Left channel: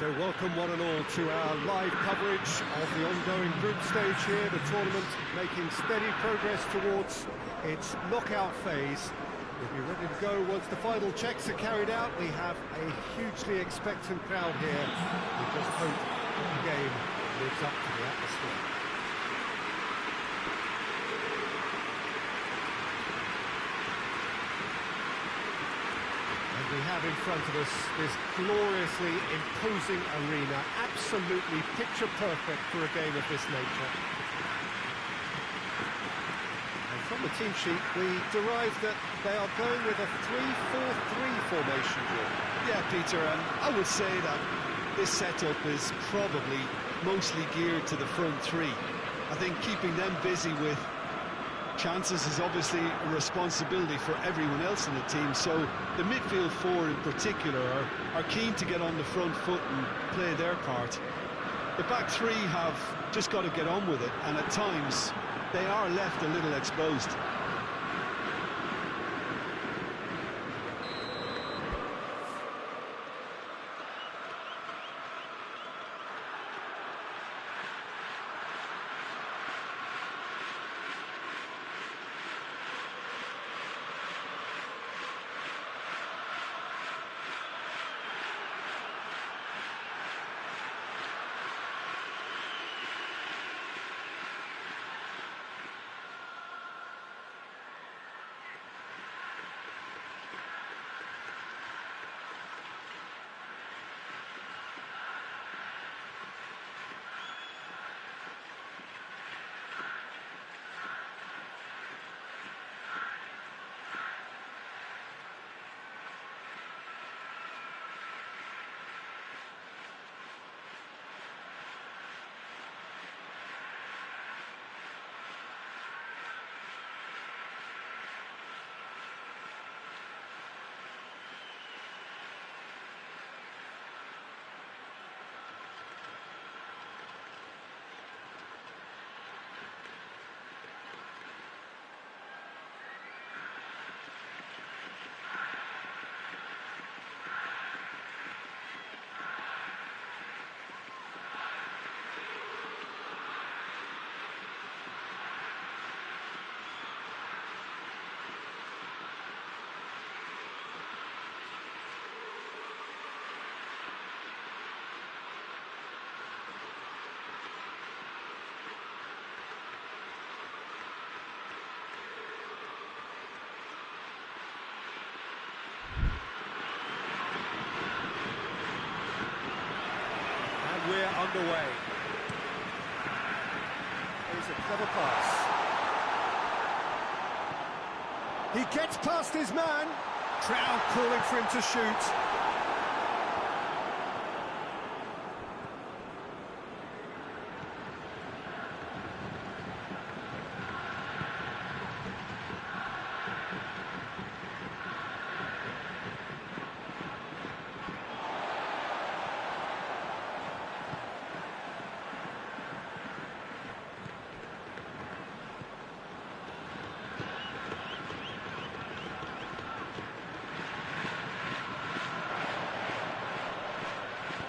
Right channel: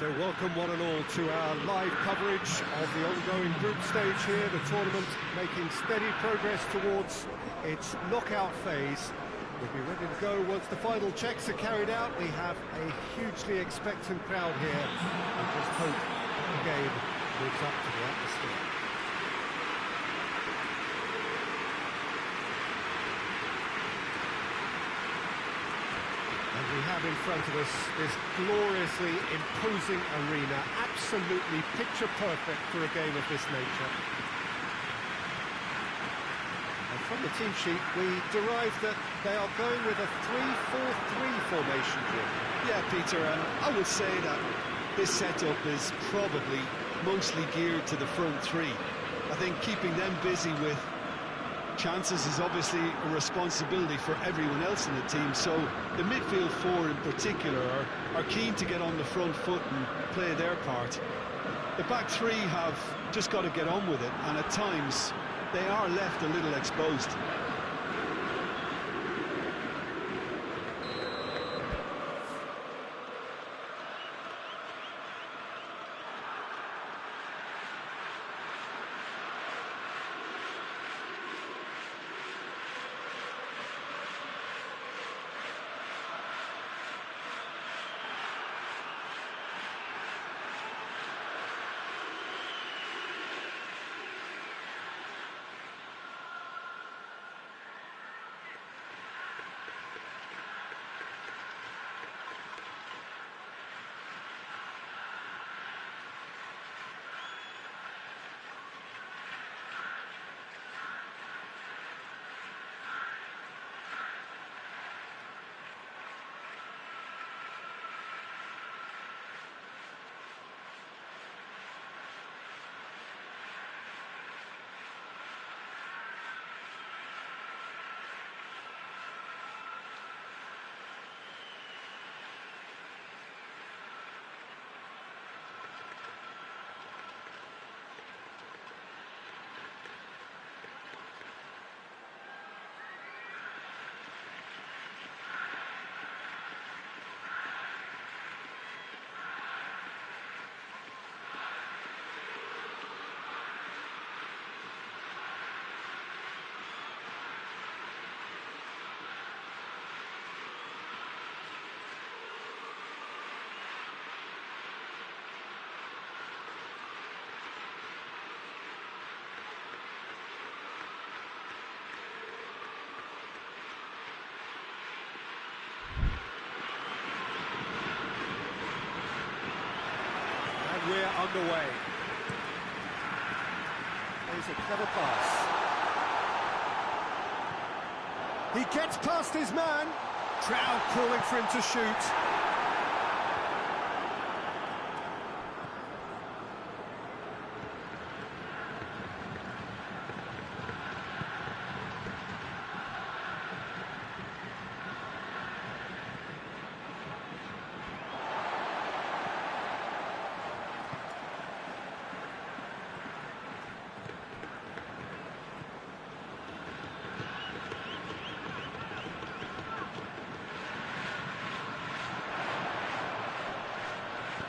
So welcome one and all to our live coverage of the ongoing group stage here, the tournament making steady progress towards its knockout phase. We'll be ready to go once the final checks are carried out. We have a hugely expectant crowd here. We just hope that the game lives up to the atmosphere. We have in front of us this gloriously imposing arena, absolutely picture perfect for a game of this nature. And from the team sheet, we derived that they are going with a 3-4-3 formation, Jim. Yeah, Peter, and I would say that this setup is probably mostly geared to the front three. I think keeping them busy with chances is obviously a responsibility for everyone else in the team, so the midfield four in particular are keen to get on the front foot and play their part. The back three have just got to get on with it, and at times they are left a little exposed. We're underway. There's a clever pass. He gets past his man. Crowd calling for him to shoot.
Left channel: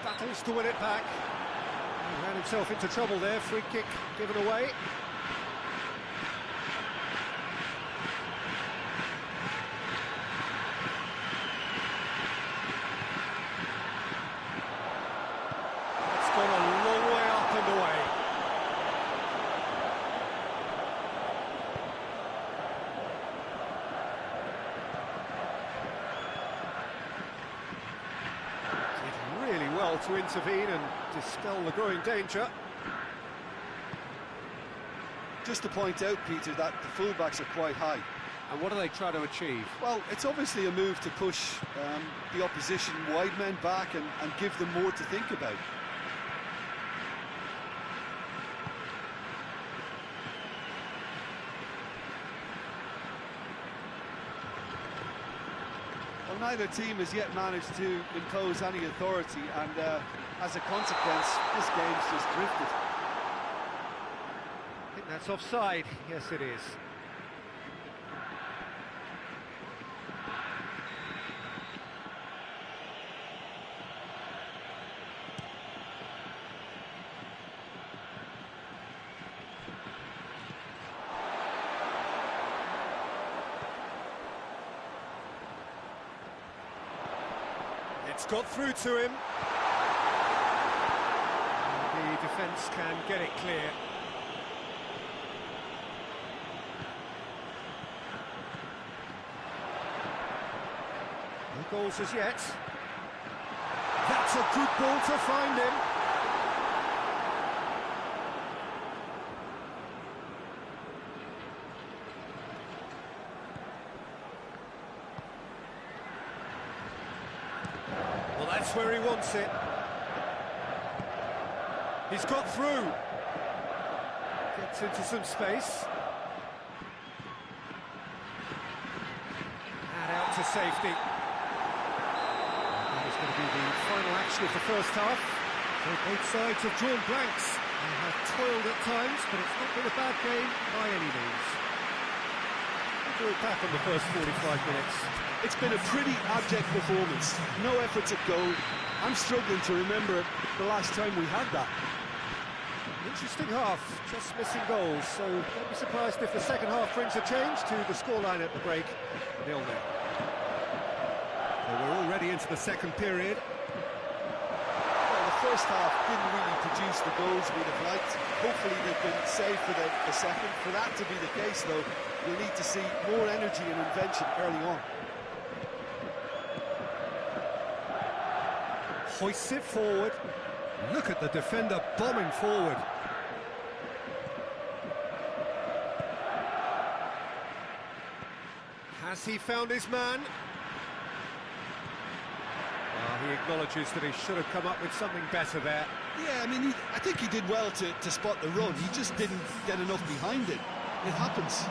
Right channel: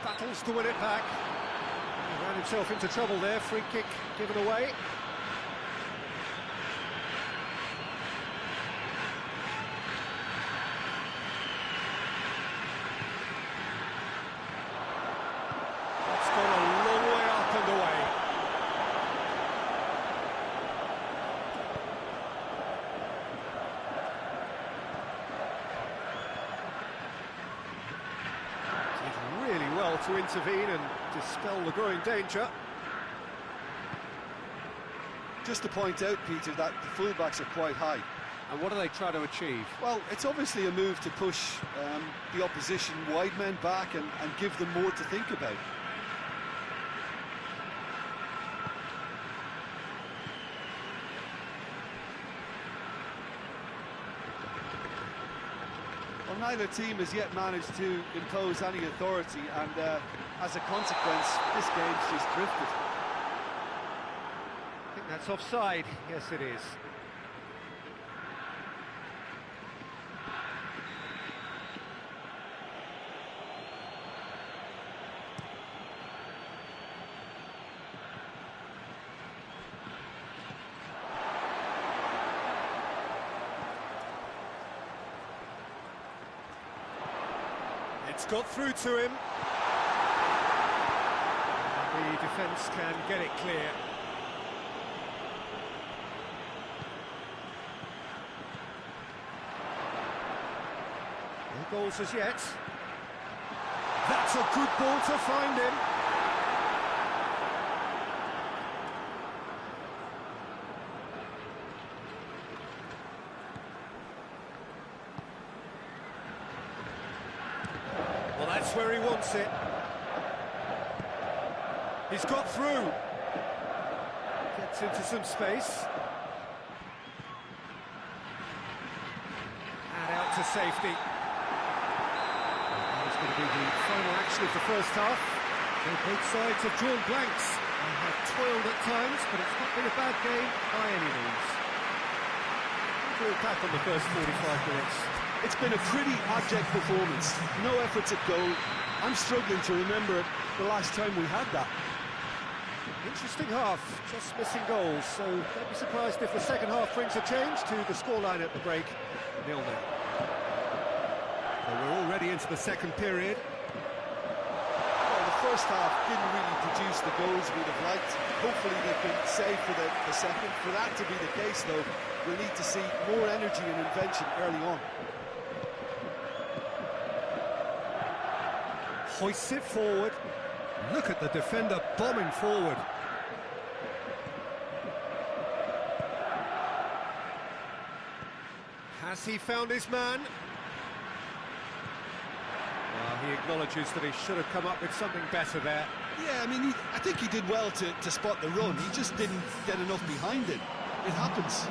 Battles to win it back. He ran himself into trouble there. Free kick given away. That's gone a long way up and away. Really well to intervene and dispel the growing danger. Just to point out, Peter, that the fullbacks are quite high. And what do they try to achieve? Well, it's obviously a move to push the opposition wide men back and give them more to think about. Well, neither team has yet managed to impose any authority, and as a consequence, this game's just drifted. I think that's offside. Yes, it is. It's got through to him. And the defence can get it clear. No goals as yet. That's a good ball to find him. Well, that's where he wants it. He's got through. Gets into some space. And out to safety. That is going to be the final action of the first half. So both sides have drawn blanks and have toiled at times, but it's not been a bad game by any means. We'll do it back on the first 45 minutes. It's been a pretty abject performance. No efforts at goal. I'm struggling to remember the last time we had that. Interesting half, just missing goals, so don't be surprised if the second half brings a change to the scoreline at the break, 0-0. So we're already into the second period. Well, the first half didn't really produce the goals we'd have liked. Hopefully they've been saved for the second. For that to be the case, though, we'll need to see more energy and invention early on. Hoists it forward. Look at the defender bombing forward. Has he found his man? Well, he acknowledges that he should have come up with something better there. Yeah, I mean, I think he did well to spot the run. He just didn't get enough behind it. It happens.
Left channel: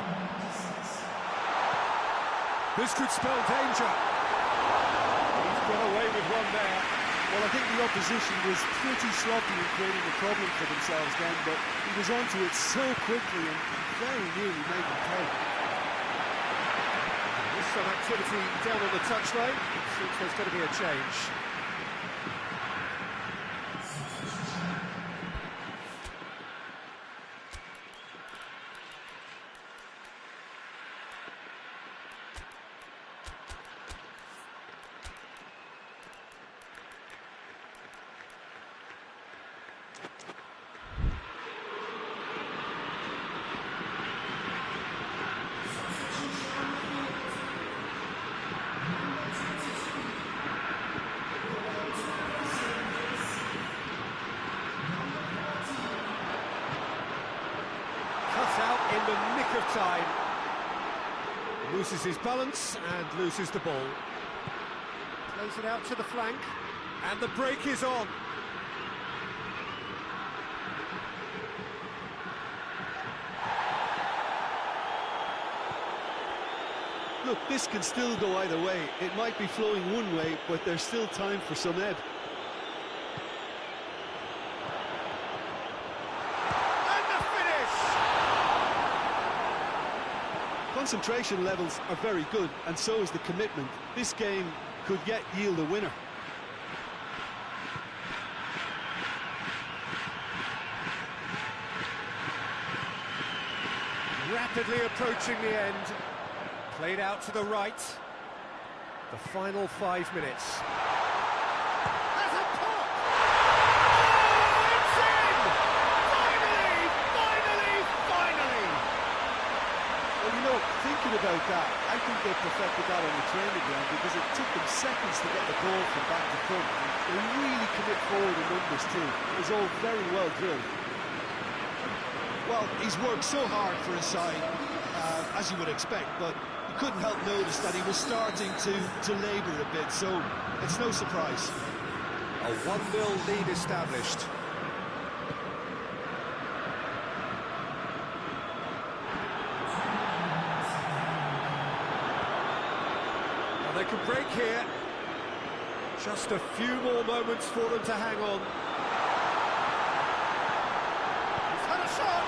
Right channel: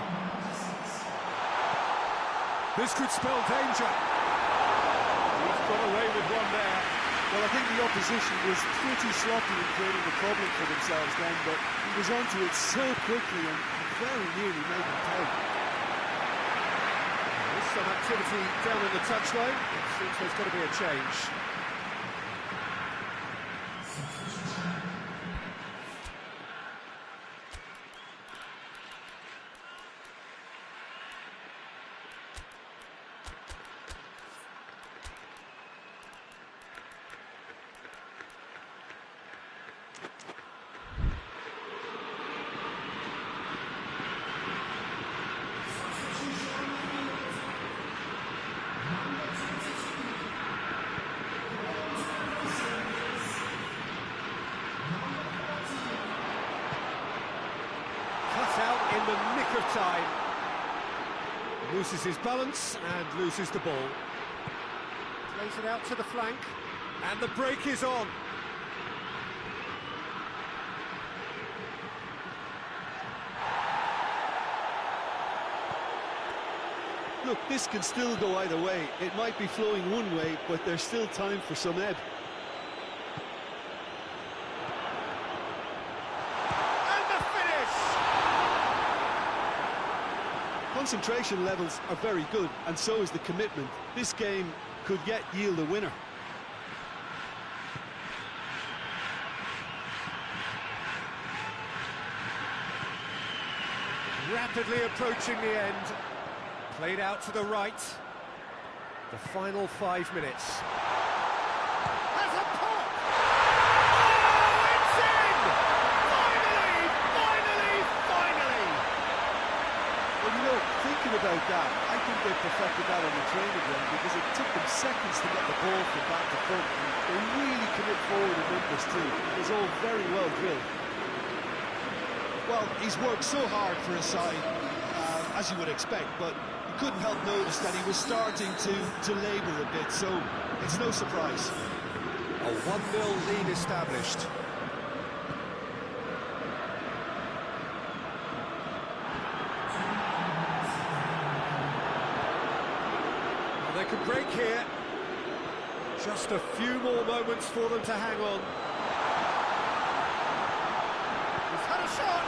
This could spell danger. He's got away with one there. Well, I think the opposition was pretty sloppy in creating a problem for themselves then, but he was onto it so quickly and very nearly made them pay. There's some activity down on the touchline. It seems there's going to be a change. Out in the nick of time. Loses his balance and loses the ball. Plays it out to the flank, and the break is on. Look, this can still go either way. It might be flowing one way, but there's still time for some ebb. Concentration levels are very good, and so is the commitment. This game could yet yield a winner. Rapidly approaching the end. Played out to the right. The final 5 minutes. Has a pop! Oh, it's in! Finally! Well, you know, thinking about that, I think they perfected that on the training ground because it took them seconds to get the ball from back to front. And they really commit forward in numbers too. It was all very well drilled. Well, he's worked so hard for his side, as you would expect, but you couldn't help notice that he was starting to labour a bit, so it's no surprise. A 1-0 lead established. They could break here. Just a few more moments for them to hang on. He's had a shot!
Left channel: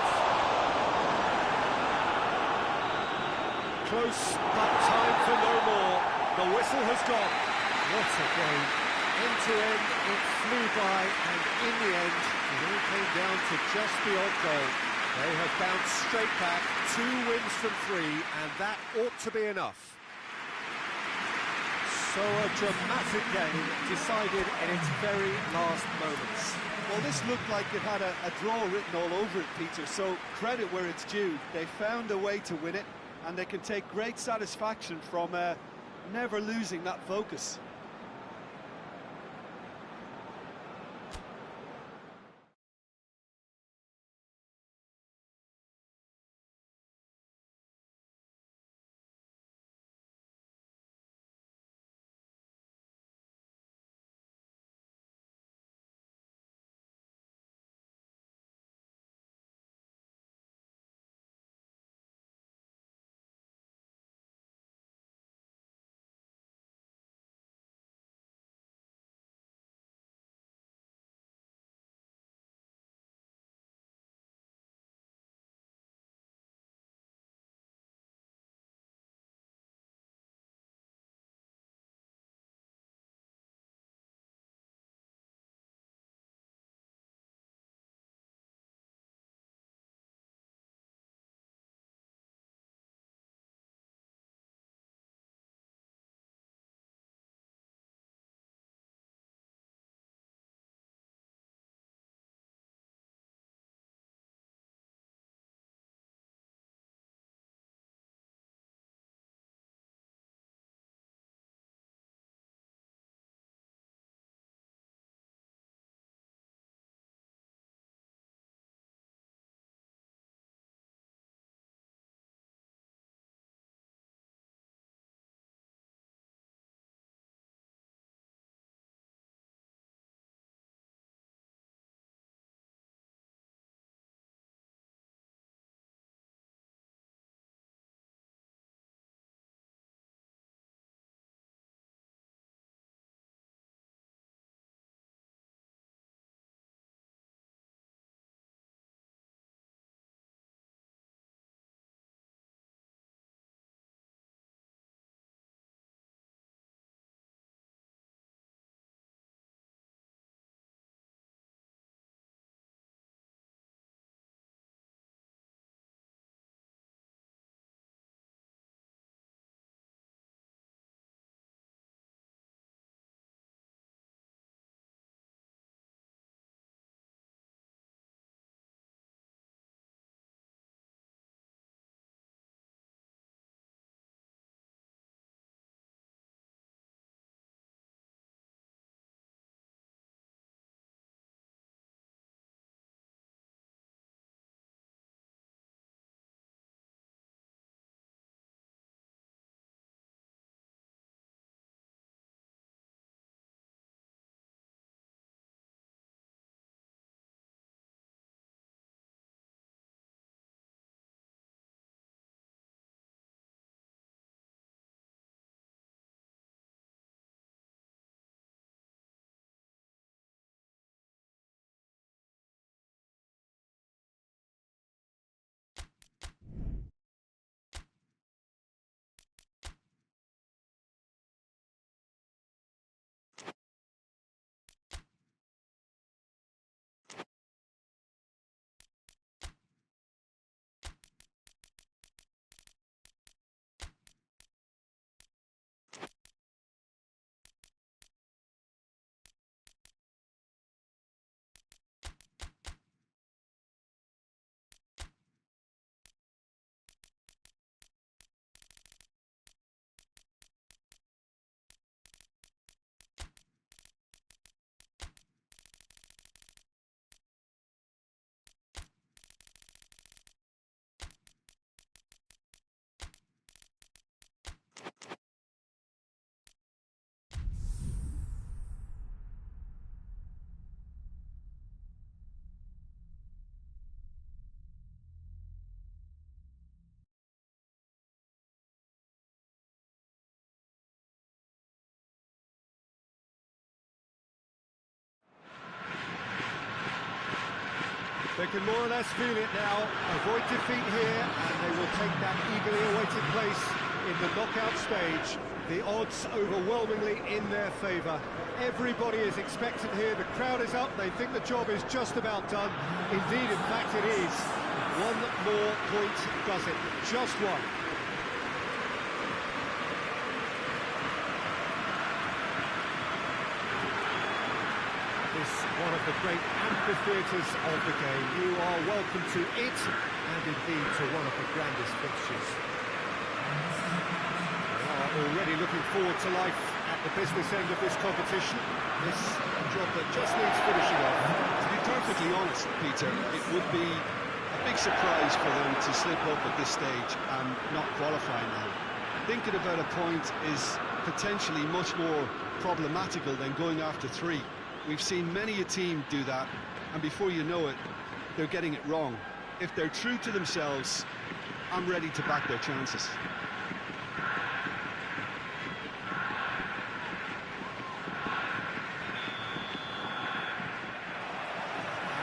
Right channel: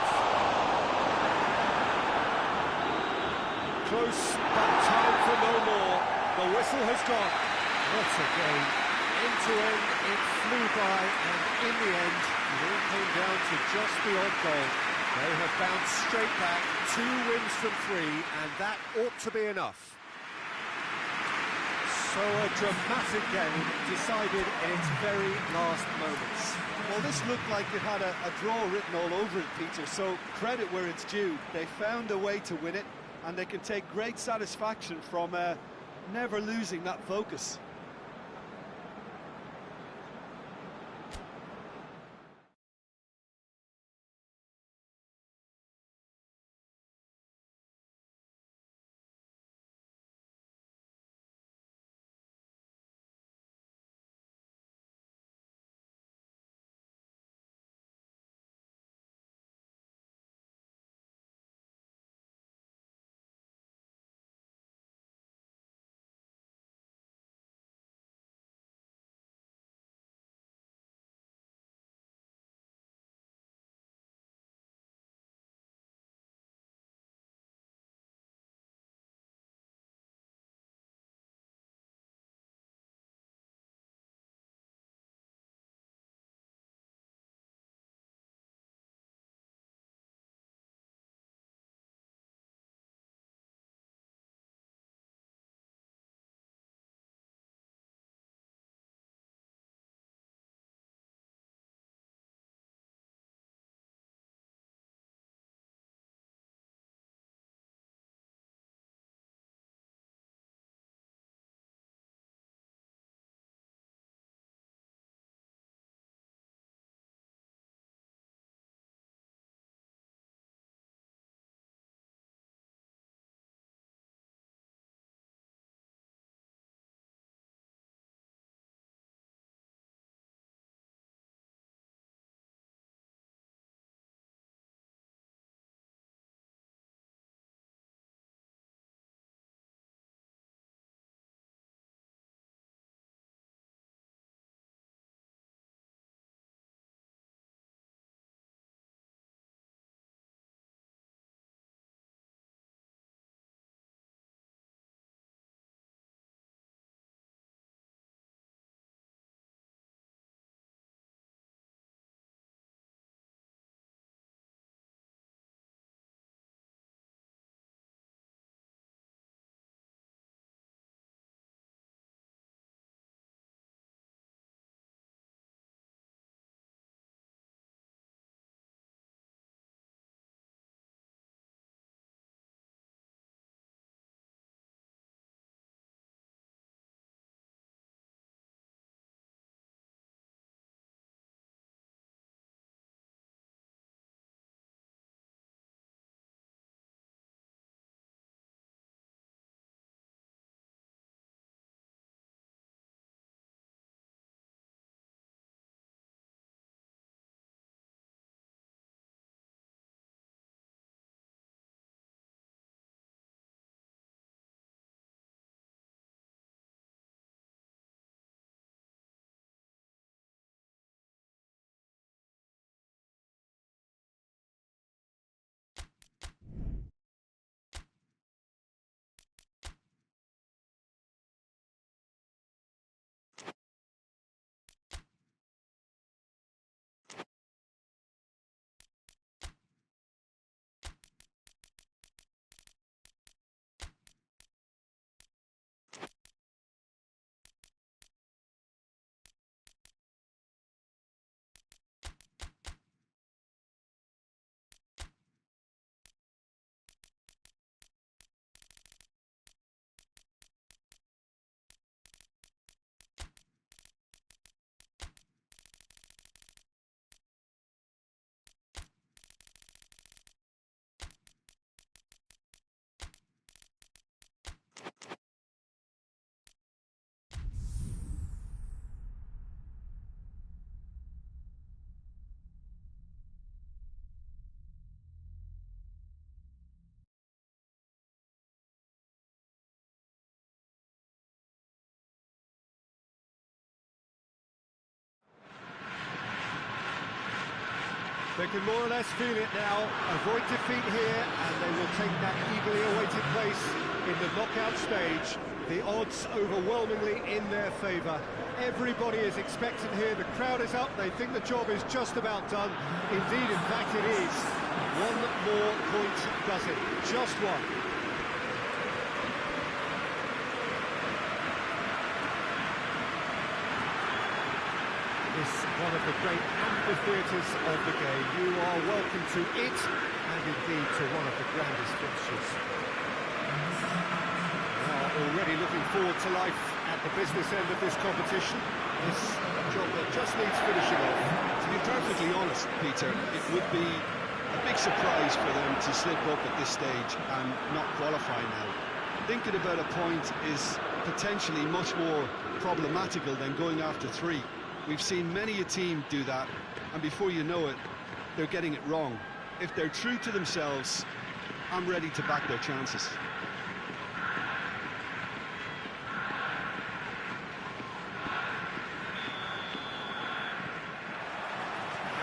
Close, but time for no more. The whistle has gone. What a game. End to end, it flew by, and in the end, it all came down to just the odd goal. They have bounced straight back, 2 wins from 3, and that ought to be enough. So a dramatic game decided in its very last moments. Well, this looked like it had a draw written all over it, Peter, so credit where it's due. They found a way to win it, and they can take great satisfaction from never losing that focus. They can more or less feel it now. Avoid defeat here, and they will take that eagerly awaited place in the knockout stage. The odds overwhelmingly in their favour. Everybody is expectant here. The crowd is up. They think the job is just about done. Indeed, in fact, it is. One more point does it. Just one. This one of the great amphitheatres of the game. You are welcome to it, and indeed to one of the grandest fixtures. They are already looking forward to life at the business end of this competition. It's a job that just needs finishing off. To be perfectly honest, Peter, it would be a big surprise for them to slip up at this stage and not qualify now. Thinking about a point is potentially much more problematical than going after 3. We've seen many a team do that, and before you know it, they're getting it wrong. If they're true to themselves, I'm ready to back their chances.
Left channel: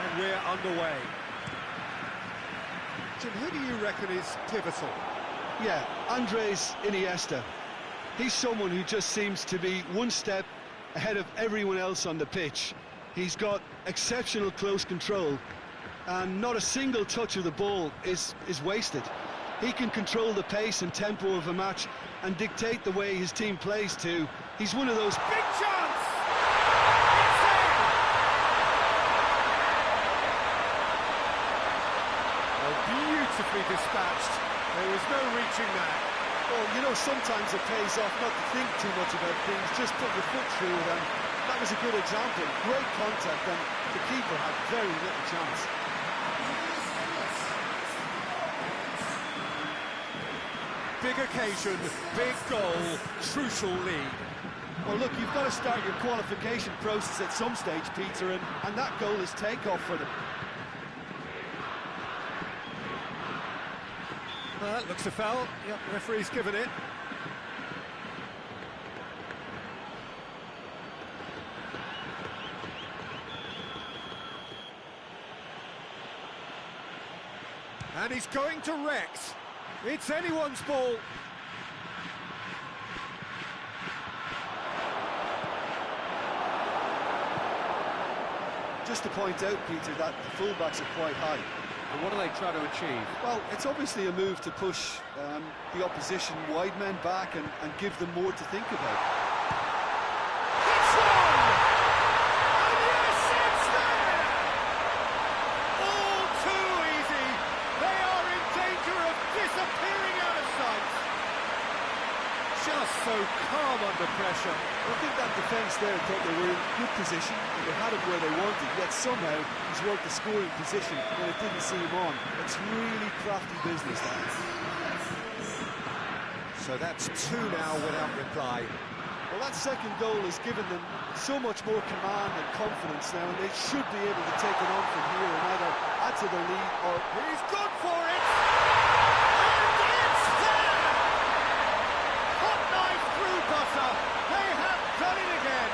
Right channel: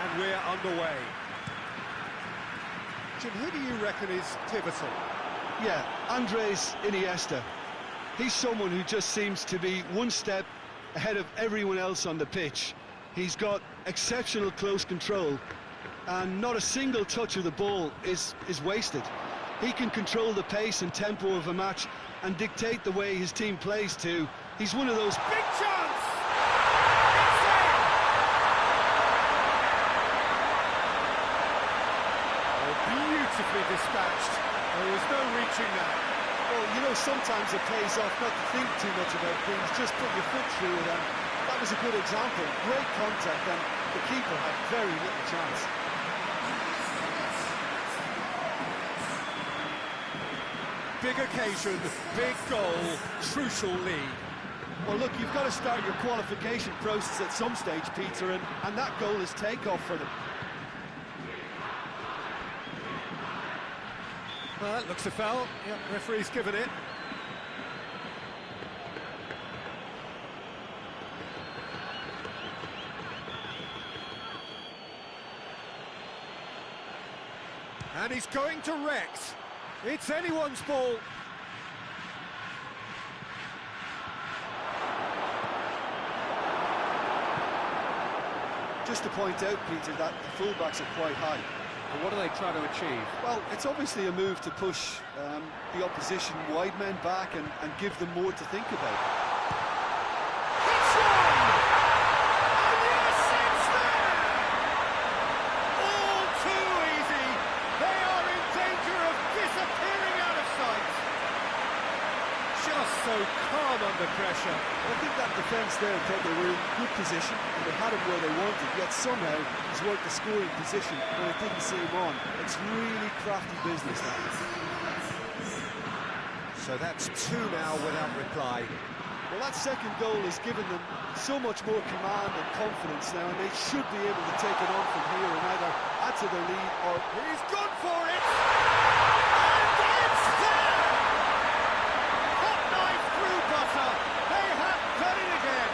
And we're underway. Jim, who do you reckon is pivotal? Yeah, Andres Iniesta. He's someone who just seems to be one step ahead of everyone else on the pitch. He's got exceptional close control, and not a single touch of the ball is wasted. He can control the pace and tempo of a match and dictate the way his team plays too. He's one of those... Big chance! It's in! Oh, beautifully dispatched. There was no reaching that. Well, you know, sometimes it pays off not to think too much about things, just put your foot through it, and that was a good example. Great contact, and the keeper had very little chance. Big occasion, big goal, crucial lead. Well, look, you've got to start your qualification process at some stage, Peter, and that goal is takeoff for them. Well, that looks a foul. Yep, referee's given it. And he's going to Rex. It's anyone's ball. Just to point out, Peter, that the fullbacks are quite high. And what are they trying to achieve? Well, it's obviously a move to push the opposition wide men back and give them more to think about. It's one! And yes, it's there! All too easy. They are in danger of disappearing out of sight. Just so calm under pressure. I think that defence there thought they were in good position and they had him where they wanted, yet somehow he's worked the scoring position when it didn't see him on. It's really crafty business, that. So that's 2 now without reply. Well, that second goal has given them so much more command and confidence now, and they should be able to take it on from here and either add to their lead or... He's gone for it! And it's there! Hot knife through butter. They have done it again.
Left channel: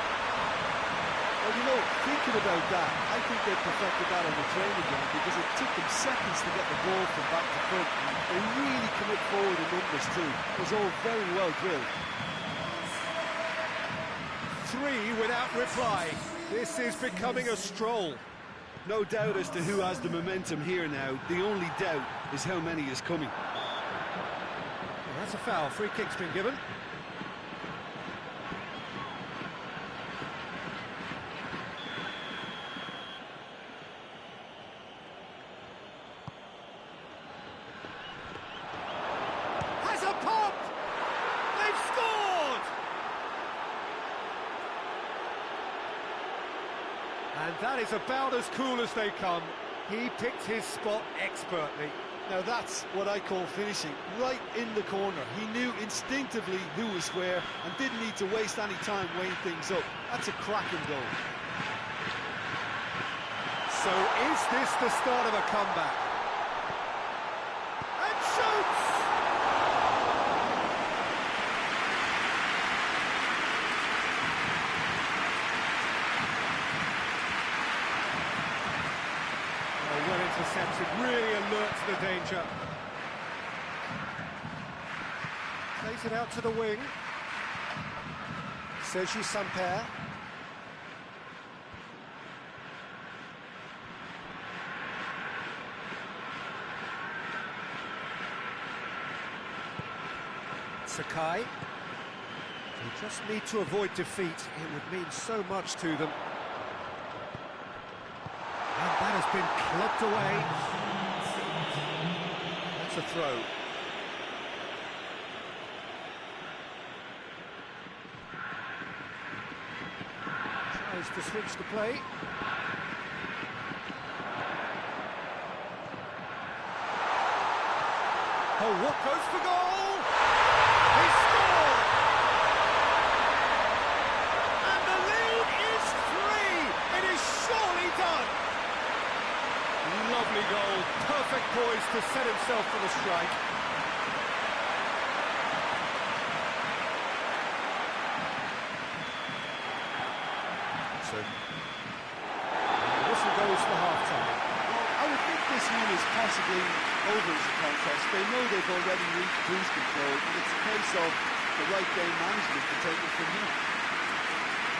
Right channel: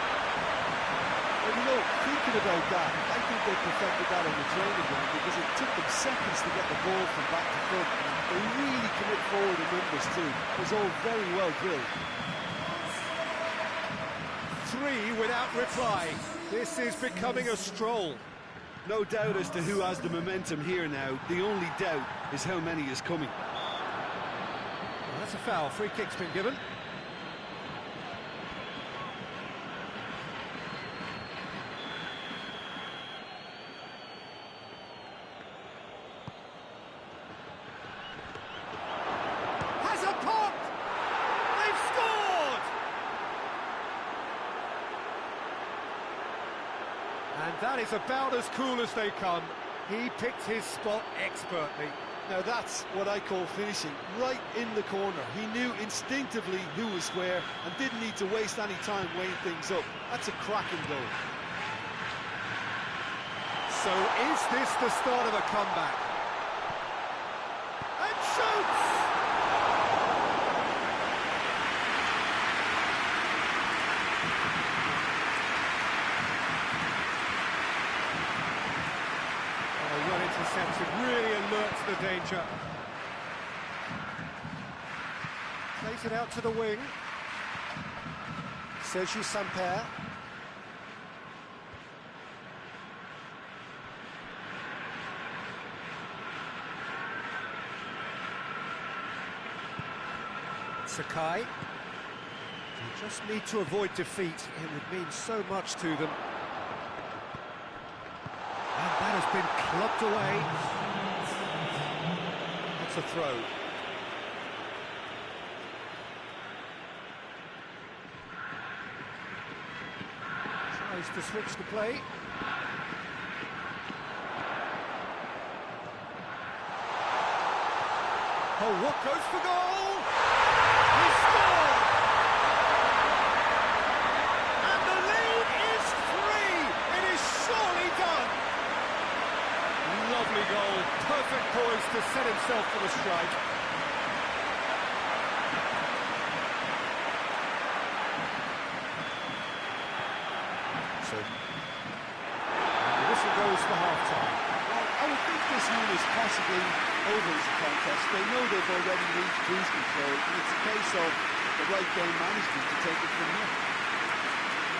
Well, you know, thinking about that, I think they perfected that on the training ground because it took them seconds to get the ball from back to front. They really commit forward in numbers too. It was all very well drilled. 3 without reply. This is becoming a stroll. No doubt as to who has the momentum here now. The only doubt is how many is coming. Well, that's a foul. Free kick's been given. Has a pop! They've scored! And that is about as cool as they come. He picked his spot expertly. Now that's what I call finishing, right in the corner. He knew instinctively who was where and didn't need to waste any time weighing things up. That's a cracking goal. So is this the start of a comeback? And shoots! Oh, well intercepted, really alert to the danger. Plays it out to the wing. Sergi Samper. Sakai. They just need to avoid defeat. It would mean so much to them. That has been clubbed away. That's a throw. Tries to switch the play. Oh, what goes for goal? He scored! And the lead is 3! It is surely done! Lovely goal, perfect poise to set himself for the strike. So, and the whistle goes for half-time. Well, I would think this one is possibly over as a contest. They know they've already reached cruise control, and it's a case of the right game management to take it from here.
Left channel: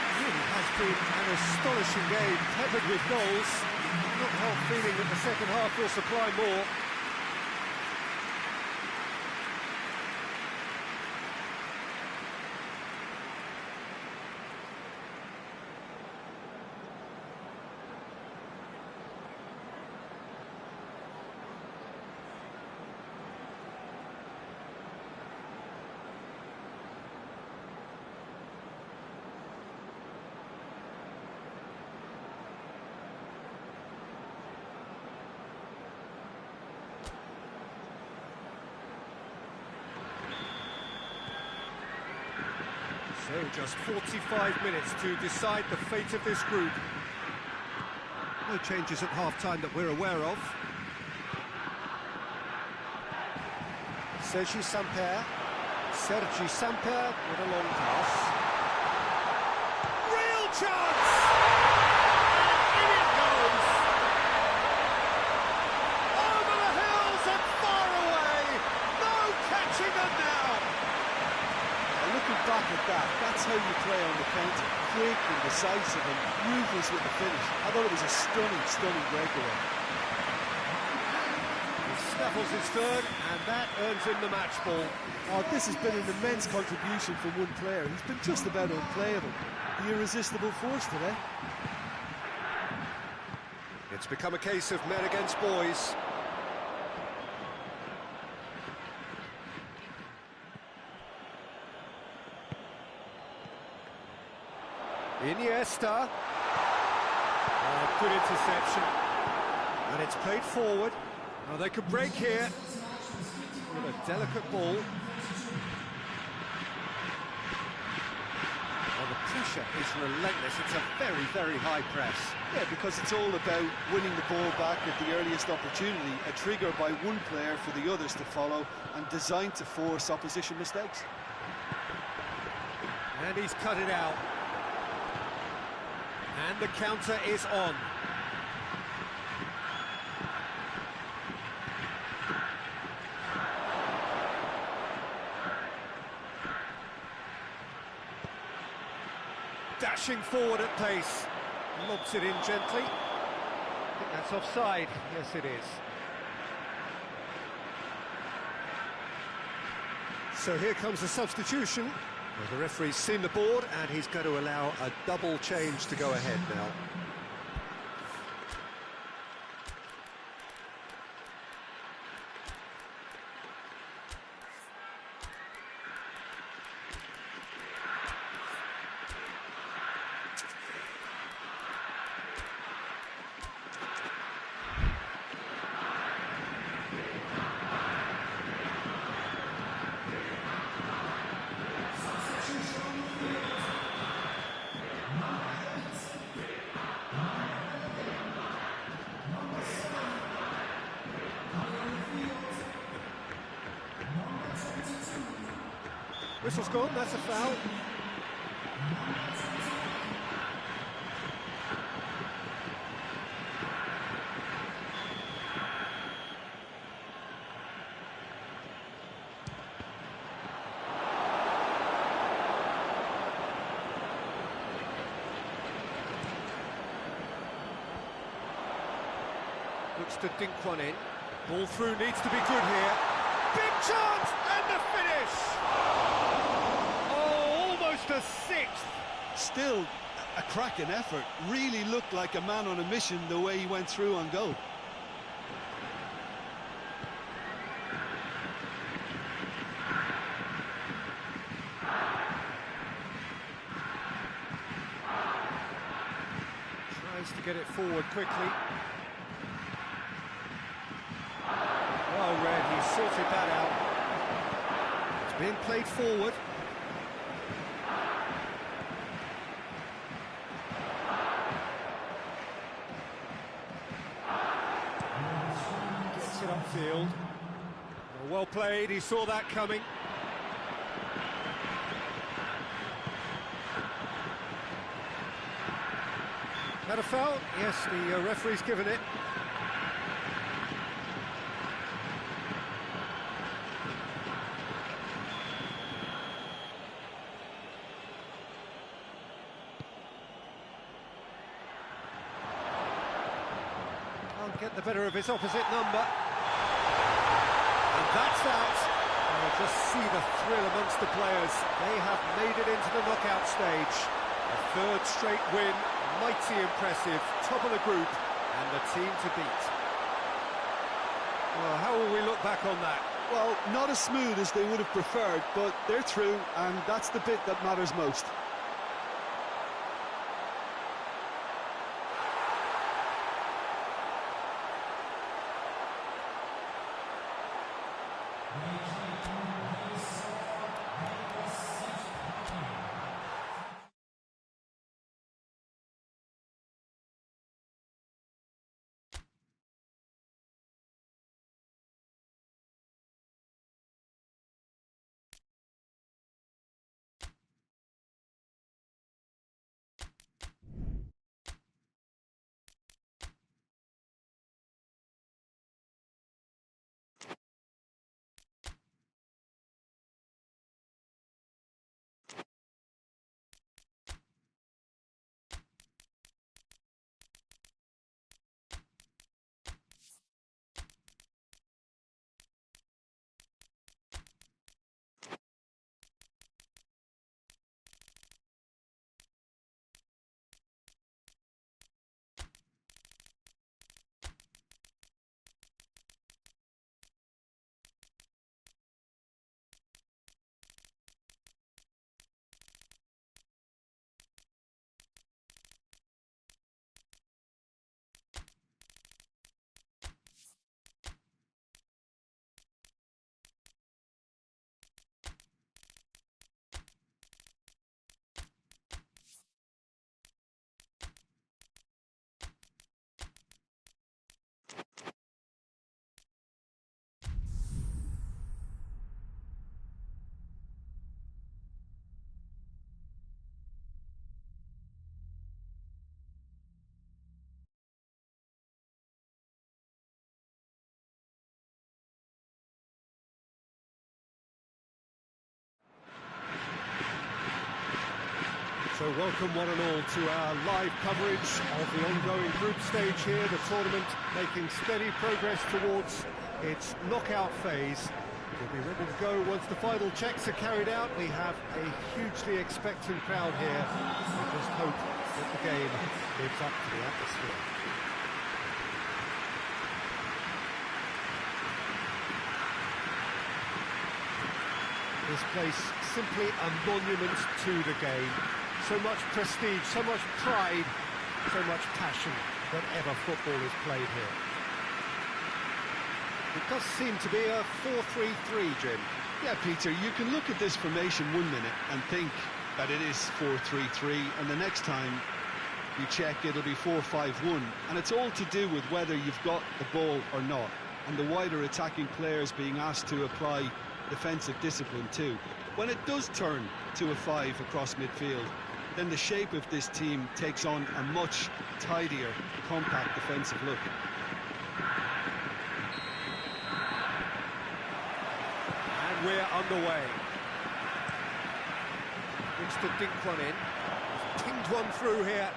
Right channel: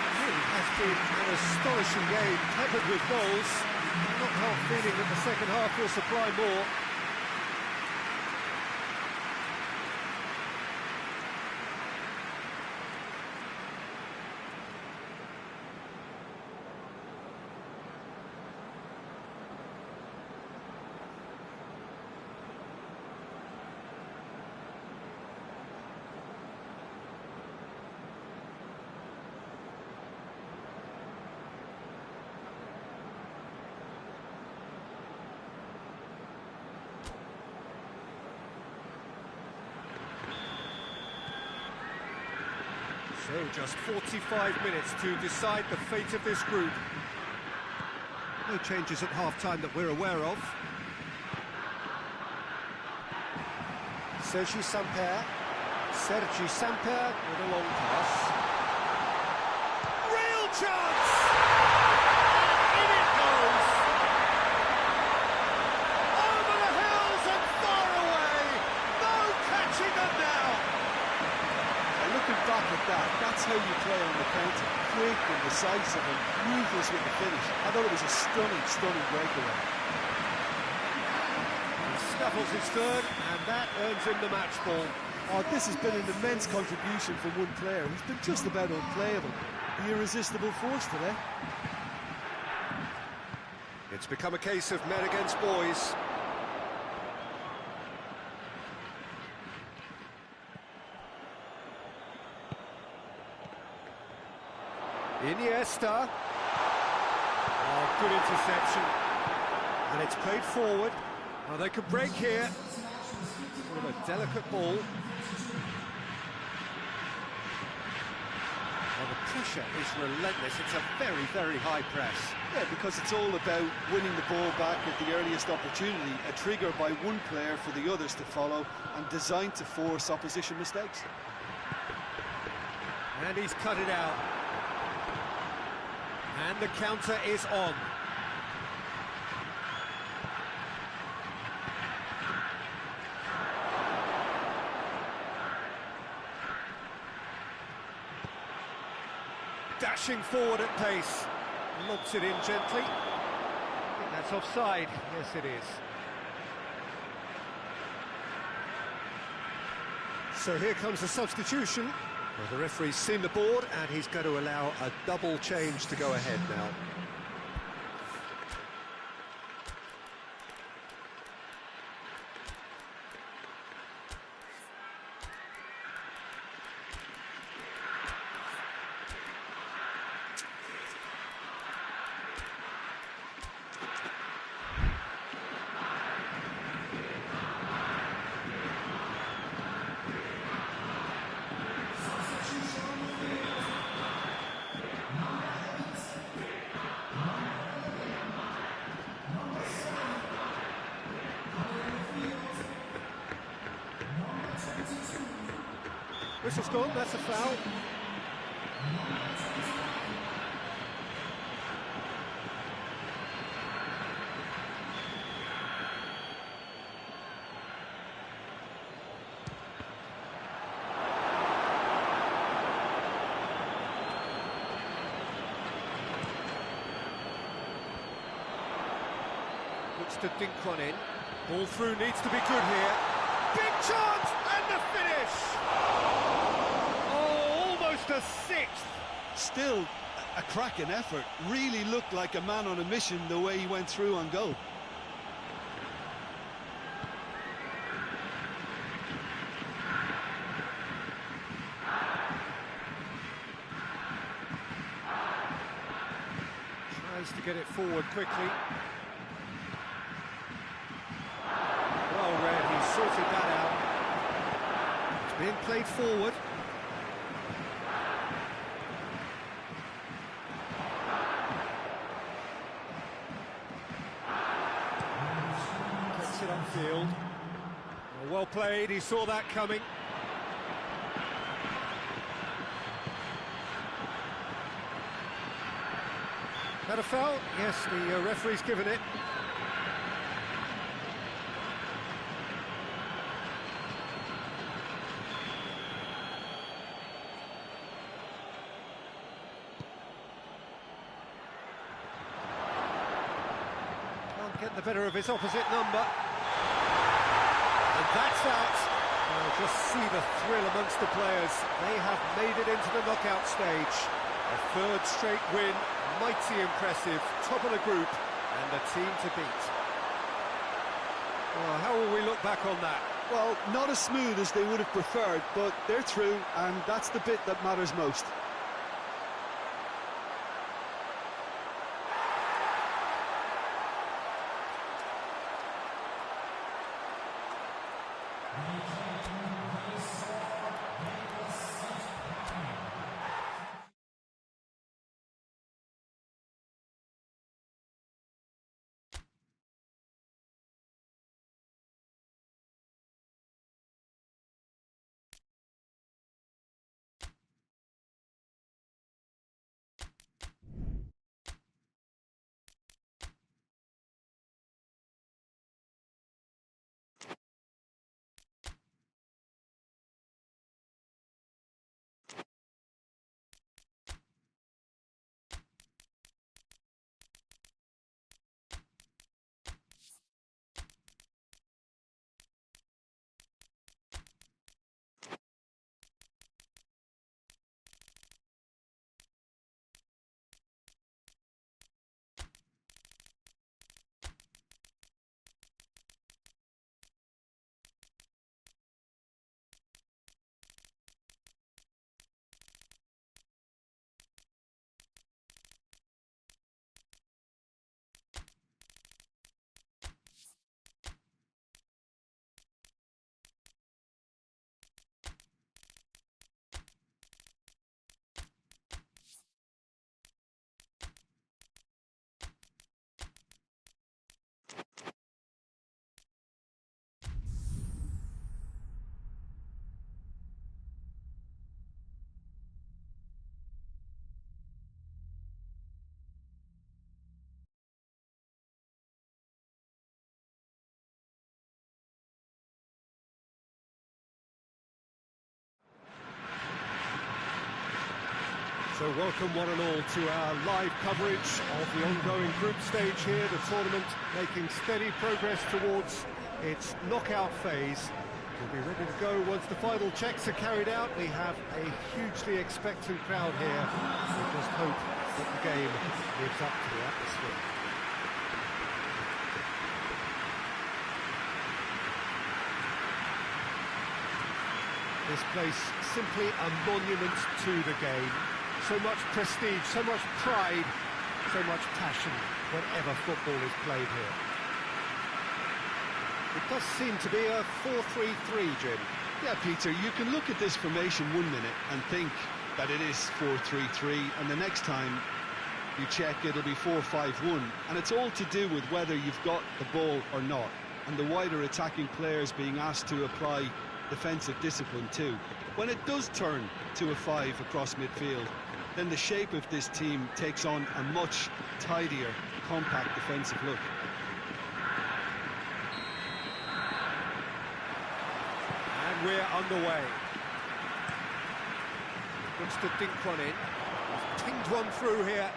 It really has been an astonishing game, peppered with goals. You cannot help feeling that the second half will supply more. So, just 45 minutes to decide the fate of this group. No changes at half-time that we're aware of. Sergi Samper with a long pass. Real chance! And in it goes! Over the hills and far away! No catching them now! Looking back at that, that's how you play on the counter. Quick and decisive and ruthless with the finish. I thought it was a stunning, stunning breakaway. He snaffles his third, and that earns him the match ball. Oh, this has been an immense contribution from one player. He's been just about unplayable. The irresistible force today. It's become a case of men against boys. Iniesta. Oh, good interception. And it's played forward. Oh, they could break here with a delicate ball. Oh, the pressure is relentless. It's a very, very high press. Yeah, because it's all about winning the ball back at the earliest opportunity, a trigger by one player for the others to follow, and designed to force opposition mistakes. And he's cut it out. And the counter is on. Dashing forward at pace. Lobs it in gently. I think that's offside. Yes, it is. So here comes the substitution. Well, the referee's seen the board, and he's going to allow a double change to go ahead now. Whistle's gone, that's a foul. Looks to dink one in. Ball through needs to be good here. Big chance and the finish! A sixth. Still a cracking effort. Really looked like a man on a mission the way he went through on goal. Tries to get it forward quickly. Well read, he sorted that out. It's being played forward. Gets it upfield. Well played, he saw that coming. That a foul? Yes, the referee's given it. Can't get the better of his opposite number. And that's out. Oh, just see the thrill amongst the players. They have made it into the knockout stage. A third straight win, mighty impressive, top of the group, and the team to beat. Well, how will we look back on that? Well, not as smooth as they would have preferred, but they're through, and that's the bit that matters most. So welcome one and all to our live coverage of the ongoing group stage here, the tournament making steady progress towards its knockout phase. We'll be ready to go once the final checks are carried out. We have a hugely expectant crowd here. We just hope that the game lives up to the atmosphere. This place simply a monument to the game. So much prestige, so much pride, so much passion whenever football is played here. It does seem to be a 4-3-3, Jim. Yeah, Peter, you can look at this formation 1 minute and think that it is 4-3-3, and the next time you check, it'll be 4-5-1, and it's all to do with whether you've got the ball or not, and the wider attacking players being asked to apply defensive discipline too. When it does turn to a 5 across midfield, then the shape of this team takes on a much tidier, compact defensive look. And we're underway. Looks to dink one in. He's pinged one through here.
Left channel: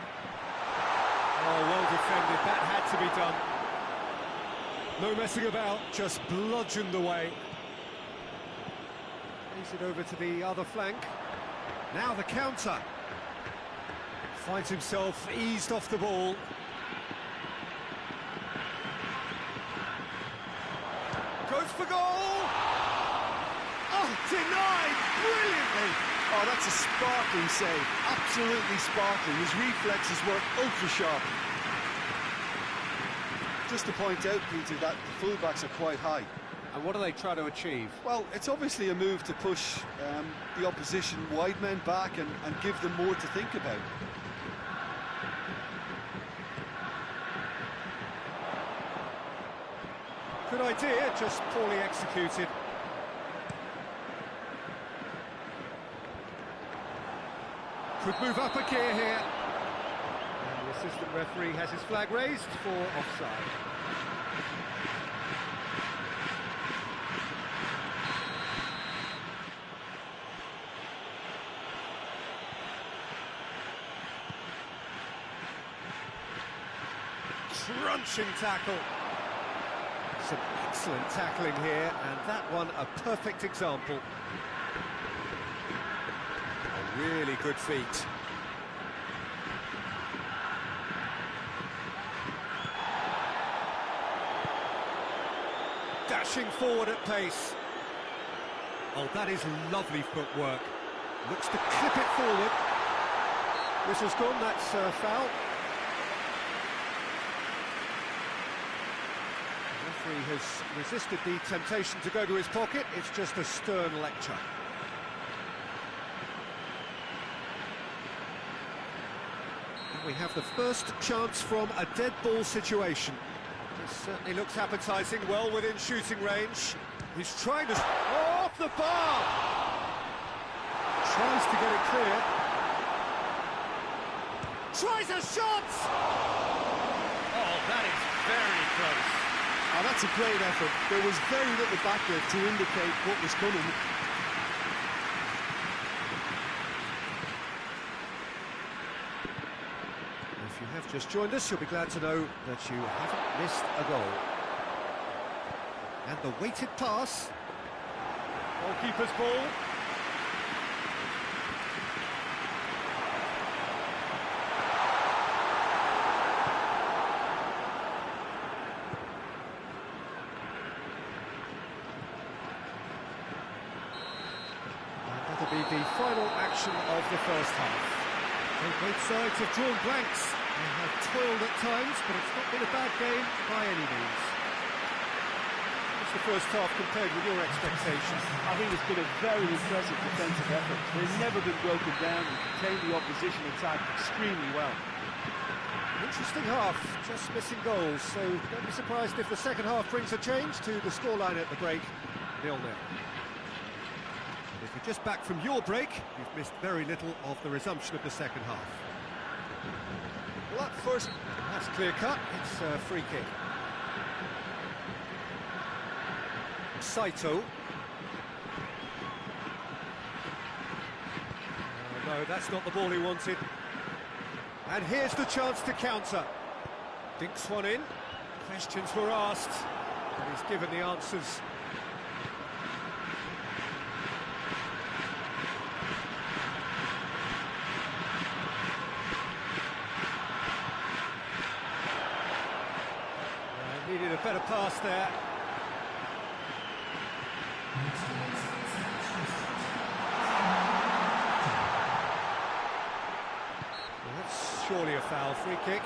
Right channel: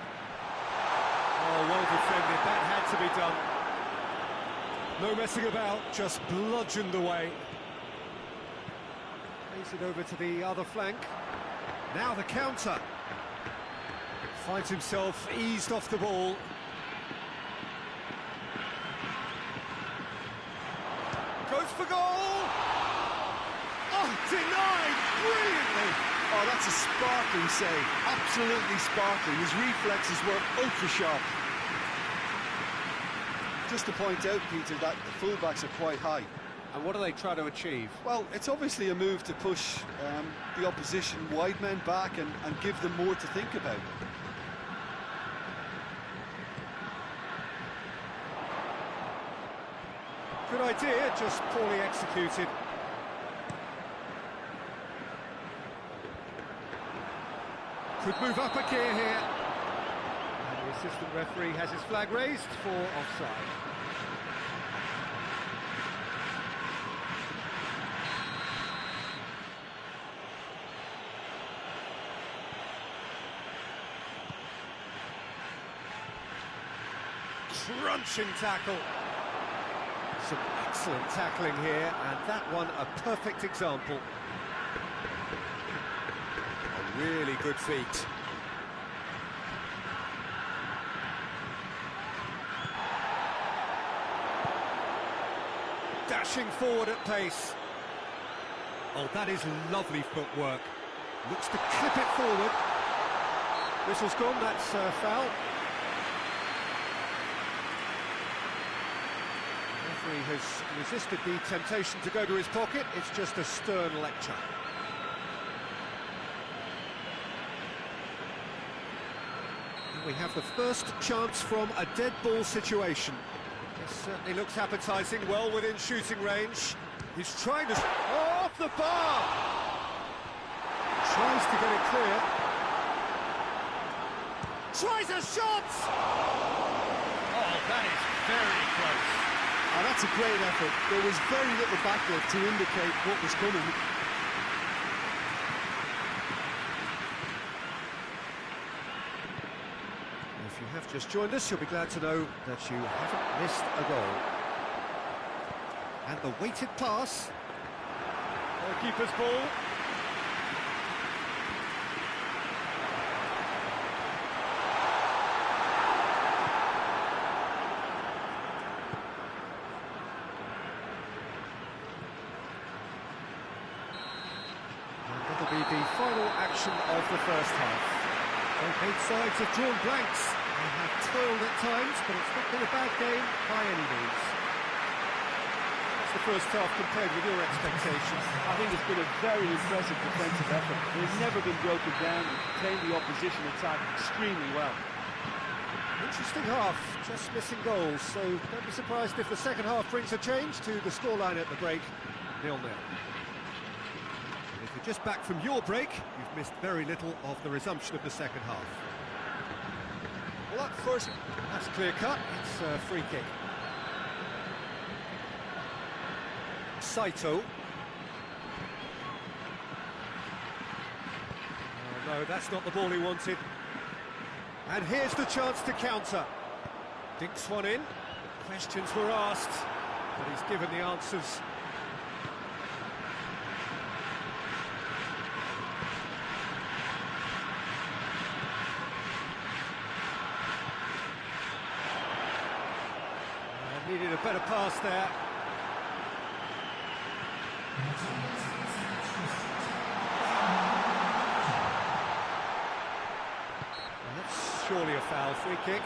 Oh, well defended. That had to be done. No messing about, just bludgeoned away. Plays it over to the other flank. Now the counter. Finds himself eased off the ball. Goes for goal! Oh, denied brilliantly! Oh, that's a sparkling save, absolutely sparkling. His reflexes were ultra-sharp. Just to point out, Peter, that the fullbacks are quite high. And what do they try to achieve? Well, it's obviously a move to push the opposition wide men back and give them more to think about. Good idea, just poorly executed. Could move up a gear here. And the assistant referee has his flag raised for offside. Crunching tackle. Some excellent tackling here, and that one a perfect example. A really good feat. Dashing forward at pace. Oh, that is lovely footwork. Looks to clip it forward. Whistle's gone, that's a foul. The referee has resisted the temptation to go to his pocket. It's just a stern lecture. And we have the first chance from a dead ball situation. This certainly looks appetising, well within shooting range. He's trying to... Oh, off the bar! Tries to get it clear. Tries a shot! Oh, that is very close. Oh, that's a great effort. There was very little backlift to indicate what was coming. If you have just joined us, you'll be glad to know that you haven't missed a goal. And the weighted pass. Goalkeeper's ball. That'll be the final action of the first half. So both sides have drawn blanks. They have toiled at times, but it's not been a bad game by any means. What's the first half compared with your expectations? I think it's been a very impressive defensive effort. They've never been broken down and contained the opposition attack extremely well. Interesting half, just missing goals, so don't be surprised if the second half brings a change to the scoreline at the break, 0-0. If you're just back from your break, you've missed very little of the resumption of the second half. Well, that first... That's clear cut, it's a free kick. Saito. Oh, no, that's not the ball he wanted. And here's the chance to counter. Dinks one in. Questions were asked, but he's given the answers. Needed a better pass there. Well, that's surely a foul. Free kick.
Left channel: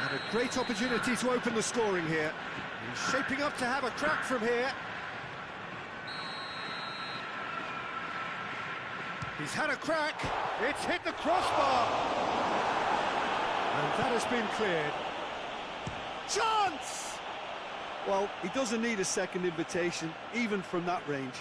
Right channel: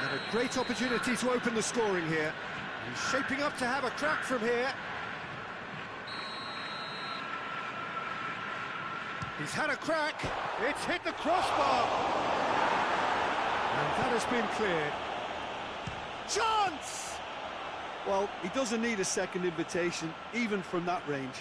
And a great opportunity to open the scoring here. He's shaping up to have a crack from here. He's had a crack, it's hit the crossbar! And that has been cleared. Chance! Well, he doesn't need a second invitation, even from that range.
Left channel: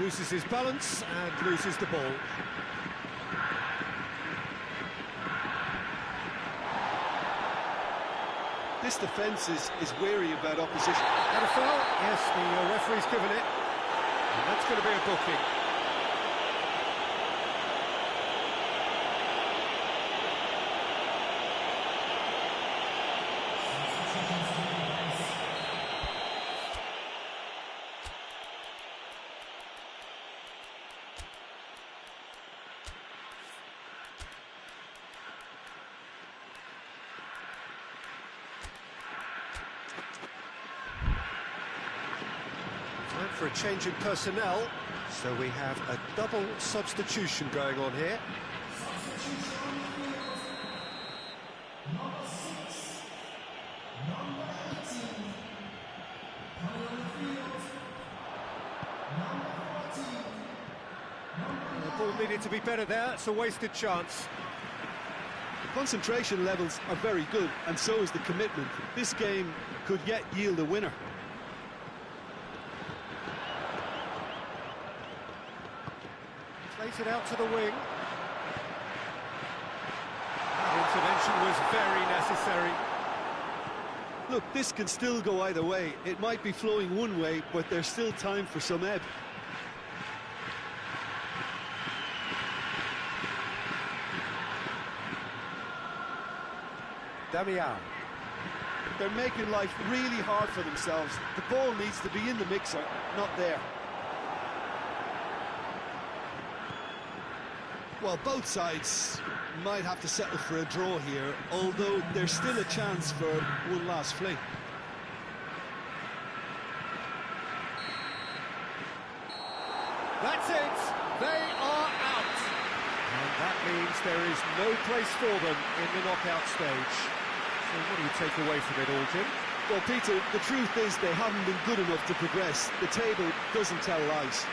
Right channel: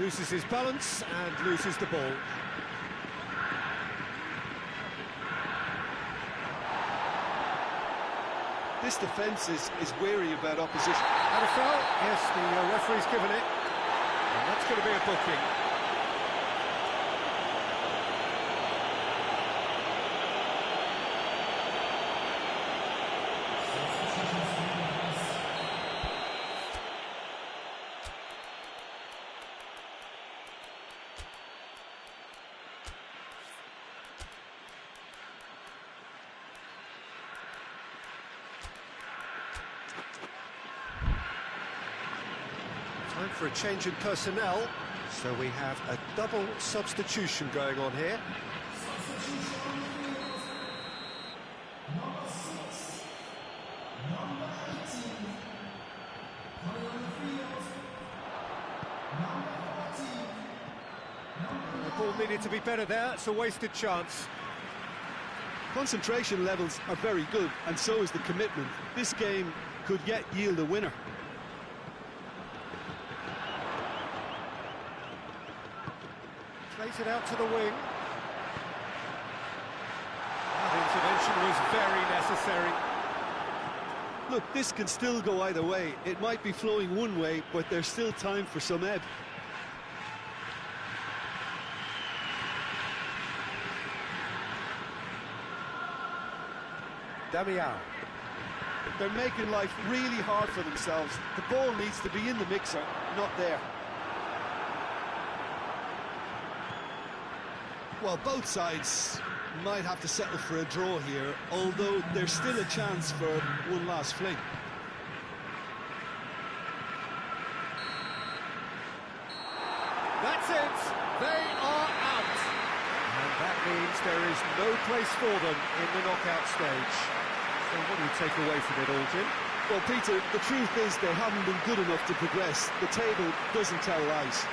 Loses his balance and loses the ball. This defence is wary about opposition. Had a foul? Yes, the referee's given it. And that's going to be a booking. Time for a change in personnel, so we have a double substitution going on here. The ball needed to be better there, it's a wasted chance. Concentration levels are very good, and so is the commitment. This game could yet yield a winner. Plays it out to the wing. That intervention was very necessary. Look, this can still go either way. It might be flowing one way, but there's still time for some ebb. Damiao. They're making life really hard for themselves. The ball needs to be in the mixer, not there. Well, both sides might have to settle for a draw here, although there's still a chance for one last fling. That's it, they are out. And that means there is no place for them in the knockout stage. So what do you take away from it all, Jim? Well, Peter, the truth is they haven't been good enough to progress. The table doesn't tell lies.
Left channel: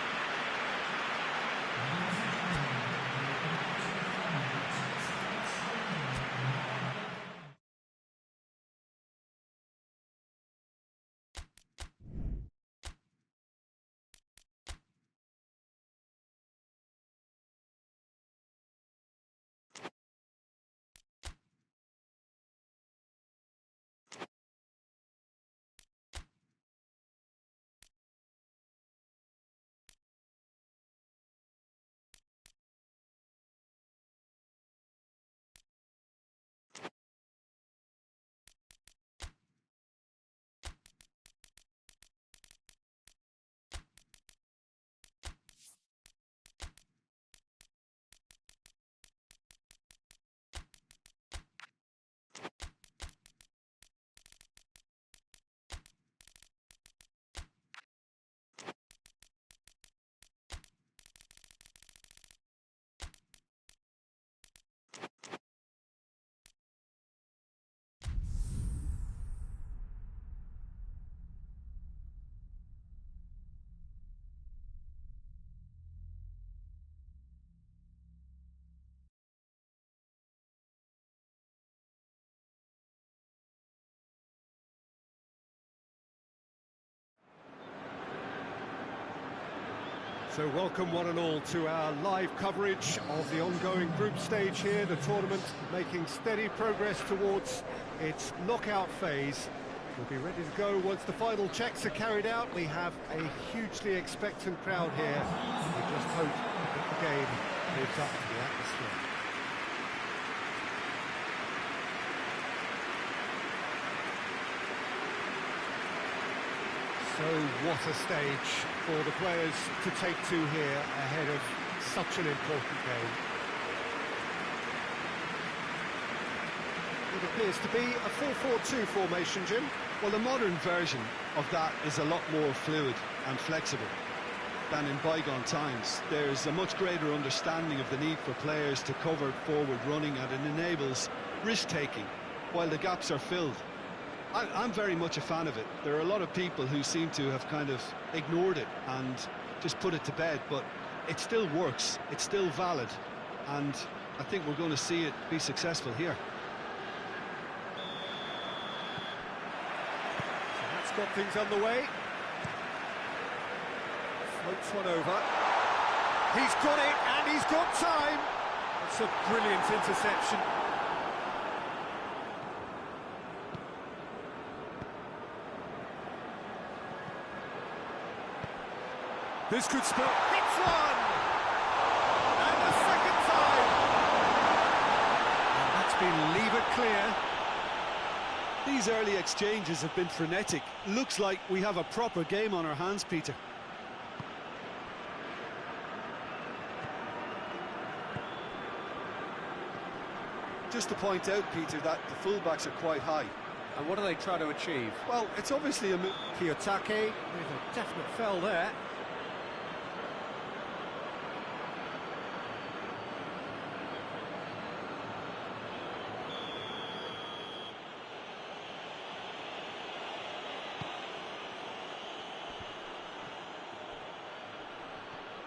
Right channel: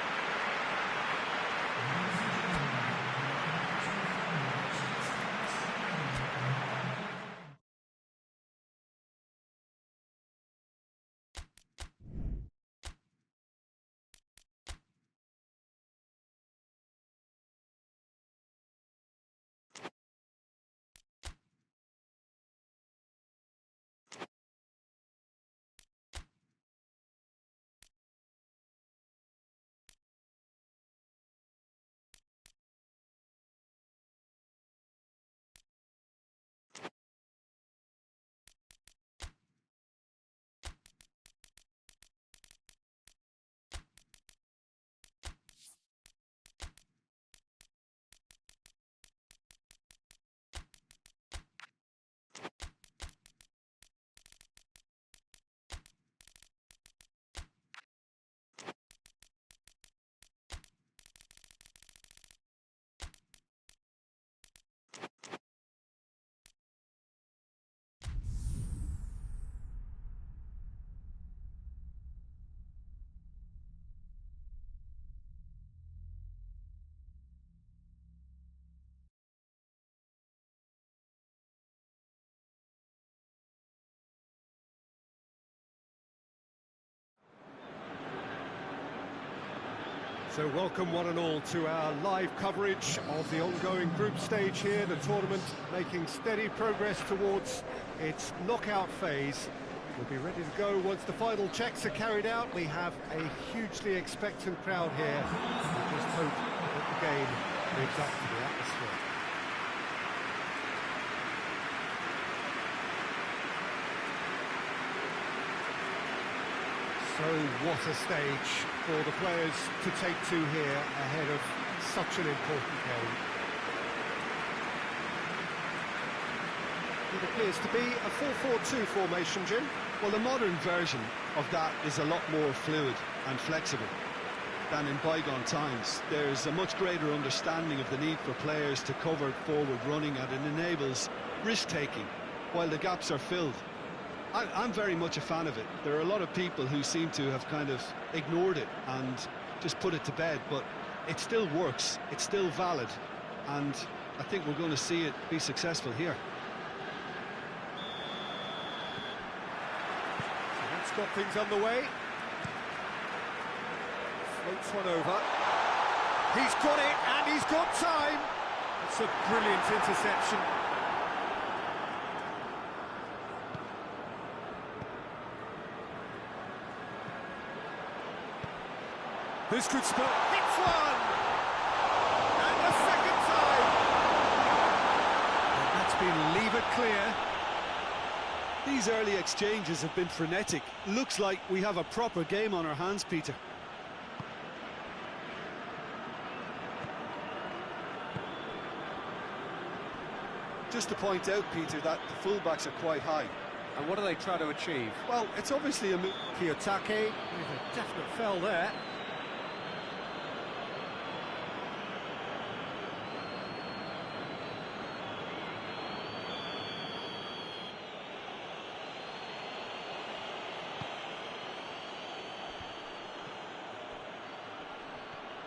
So welcome one and all to our live coverage of the ongoing group stage here, the tournament making steady progress towards its knockout phase. We'll be ready to go once the final checks are carried out. We have a hugely expectant crowd here. We just hope that the game lives up to the atmosphere. So what a stage for the players to take to here ahead of such an important game. It appears to be a 4-4-2 formation, Jim. Well, the modern version of that is a lot more fluid and flexible than in bygone times. There's a much greater understanding of the need for players to cover forward running, and it enables risk-taking while the gaps are filled. I'm very much a fan of it. There are a lot of people who seem to have kind of ignored it and just put it to bed, but it still works, it's still valid, and I think we're going to see it be successful here. So that's got things underway. Floats one over. He's got it, and he's got time. That's a brilliant interception. This could spell hits one! And a second time! And that's been levered clear. These early exchanges have been frenetic. Looks like we have a proper game on our hands, Peter. Just to point out, Peter, that the fullbacks are quite high. And what do they try to achieve? Well, it's obviously a... Kiyotake with a definite foul there.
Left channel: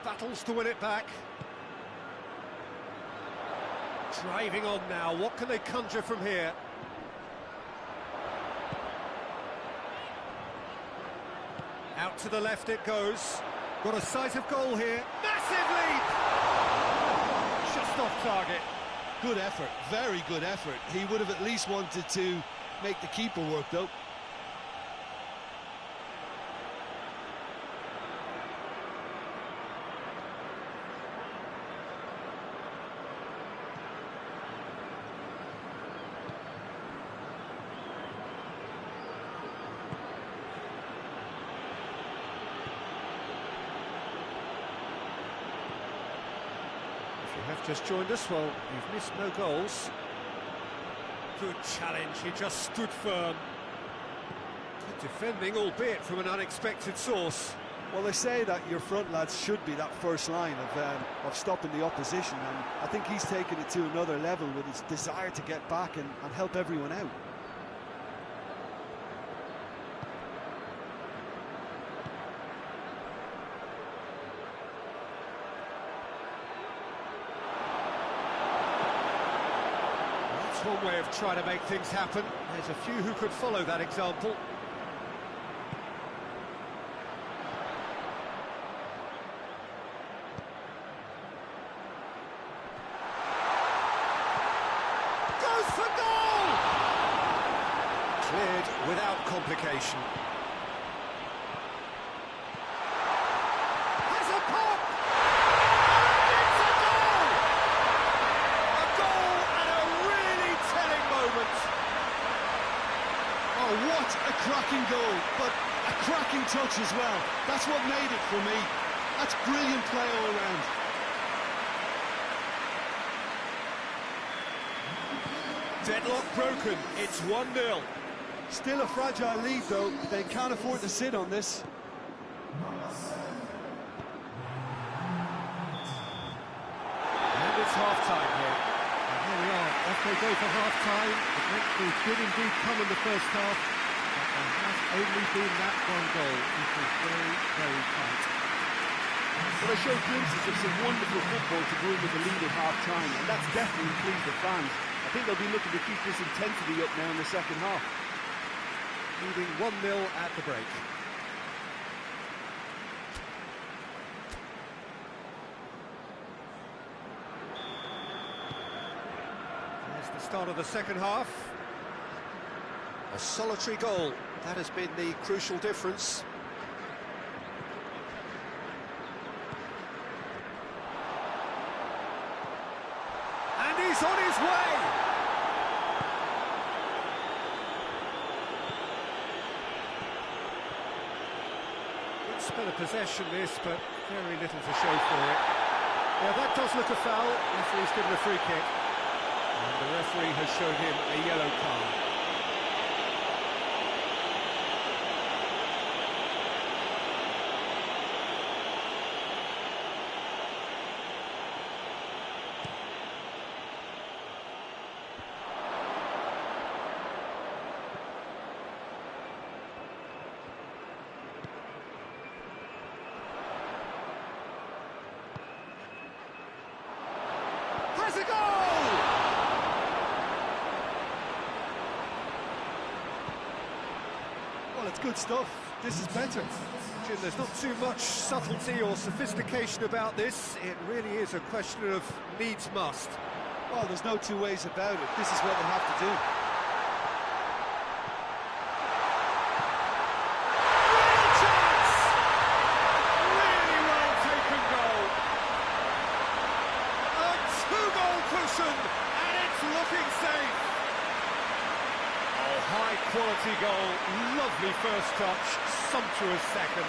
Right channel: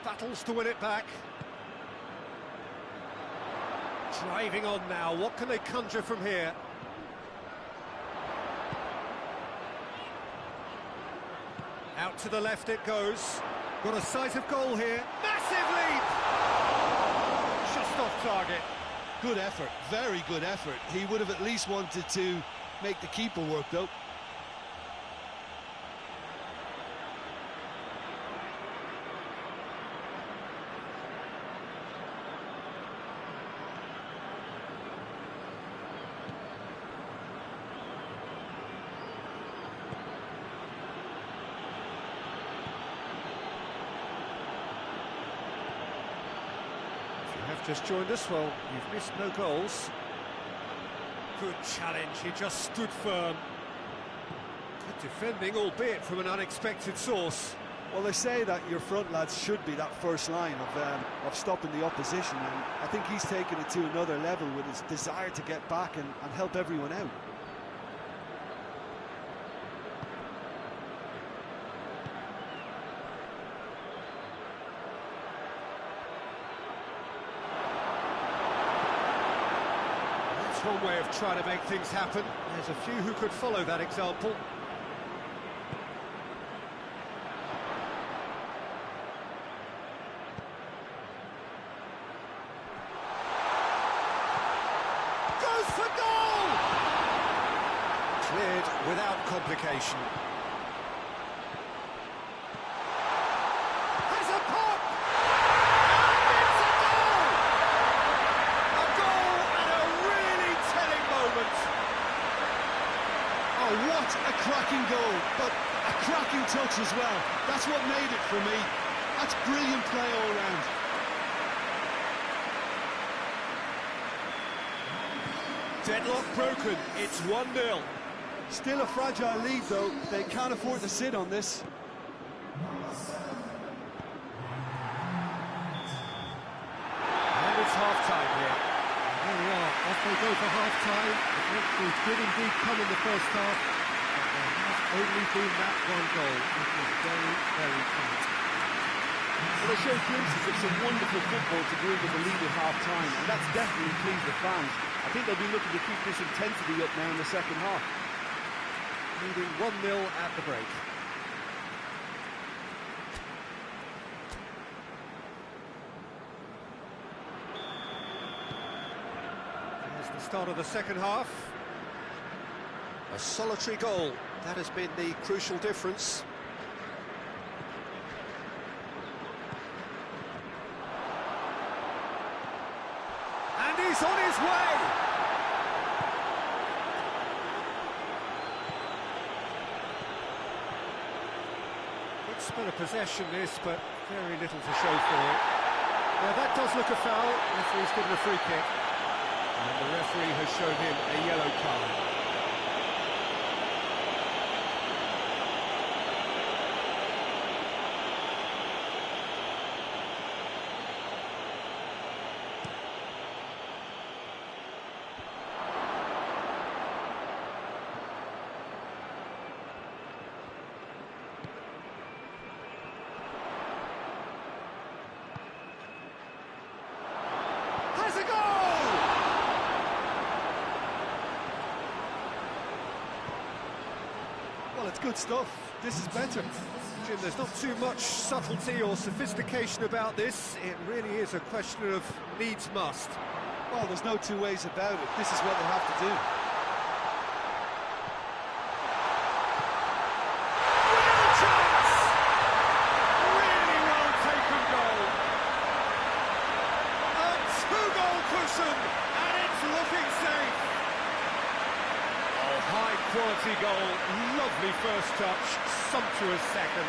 Battles to win it back. Driving on now, what can they conjure from here? Out to the left it goes. Got a sight of goal here. Massive leap! Just off target. Good effort, very good effort. He would have at least wanted to make the keeper work, though. Have just joined us, well, you've missed no goals. Good challenge, he just stood firm. Good defending, albeit from an unexpected source. Well, they say that your front lads should be that first line of stopping the opposition, and I think he's taken it to another level with his desire to get back and help everyone out. One way of trying to make things happen. There's a few who could follow that example. Goes for goal! Cleared without complication. Has a pop! Oh, what a cracking goal, but a cracking touch as well. That's what made it for me. That's brilliant play all round. Deadlock broken, it's 1-0. Still a fragile lead, though. They can't afford to sit on this. And it's half-time here. Here we are, off they go for half-time. The breakthrough did indeed come in the first half, but there has only been that one goal. It was very, very tight. Well, they showed glimpses of some wonderful football to go in with the lead at half-time, and that's definitely pleased the fans. I think they'll be looking to keep this intensity up now in the second half. Leading 1-0 at the break. The start of the second half. A solitary goal, that has been the crucial difference. And he's on his way! Good spell of possession this, but very little to show for it. Yeah, that does look a foul. Referee's given a free kick. And the referee has shown him a yellow card. Has a goal! Well, it's good stuff. This is better. Jim, there's not too much subtlety or sophistication about this. It really is a question of needs must. Well, there's no two ways about it. This is what they have to do. Real chance! Really well taken goal. A two-goal cushion, and it's looking safe. Oh, high-quality goal, lovely first touch, sumptuous second.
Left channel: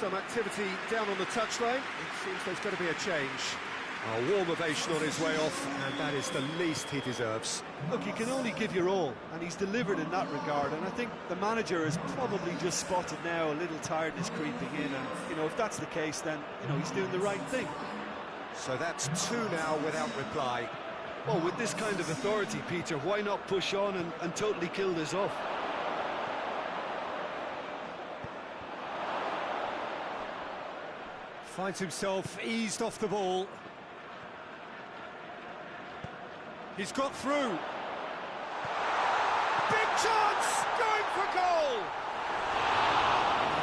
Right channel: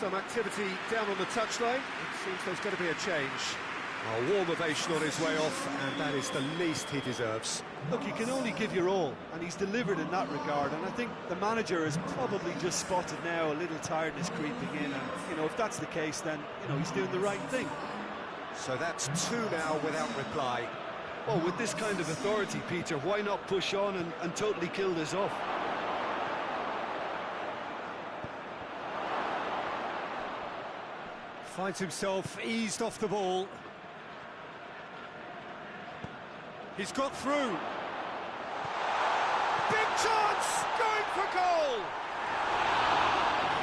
Some activity down on the touchline. It seems there's going to be a change. A warm ovation on his way off, and that is the least he deserves. Look, you can only give your all, and he's delivered in that regard, and I think the manager has probably just spotted now a little tiredness creeping in, and, you know, if that's the case, then, you know, he's doing the right thing. So that's 2 now without reply. Well, with this kind of authority, Peter, why not push on and totally kill this off? Finds himself eased off the ball. He's got through. Big chance! Going for goal!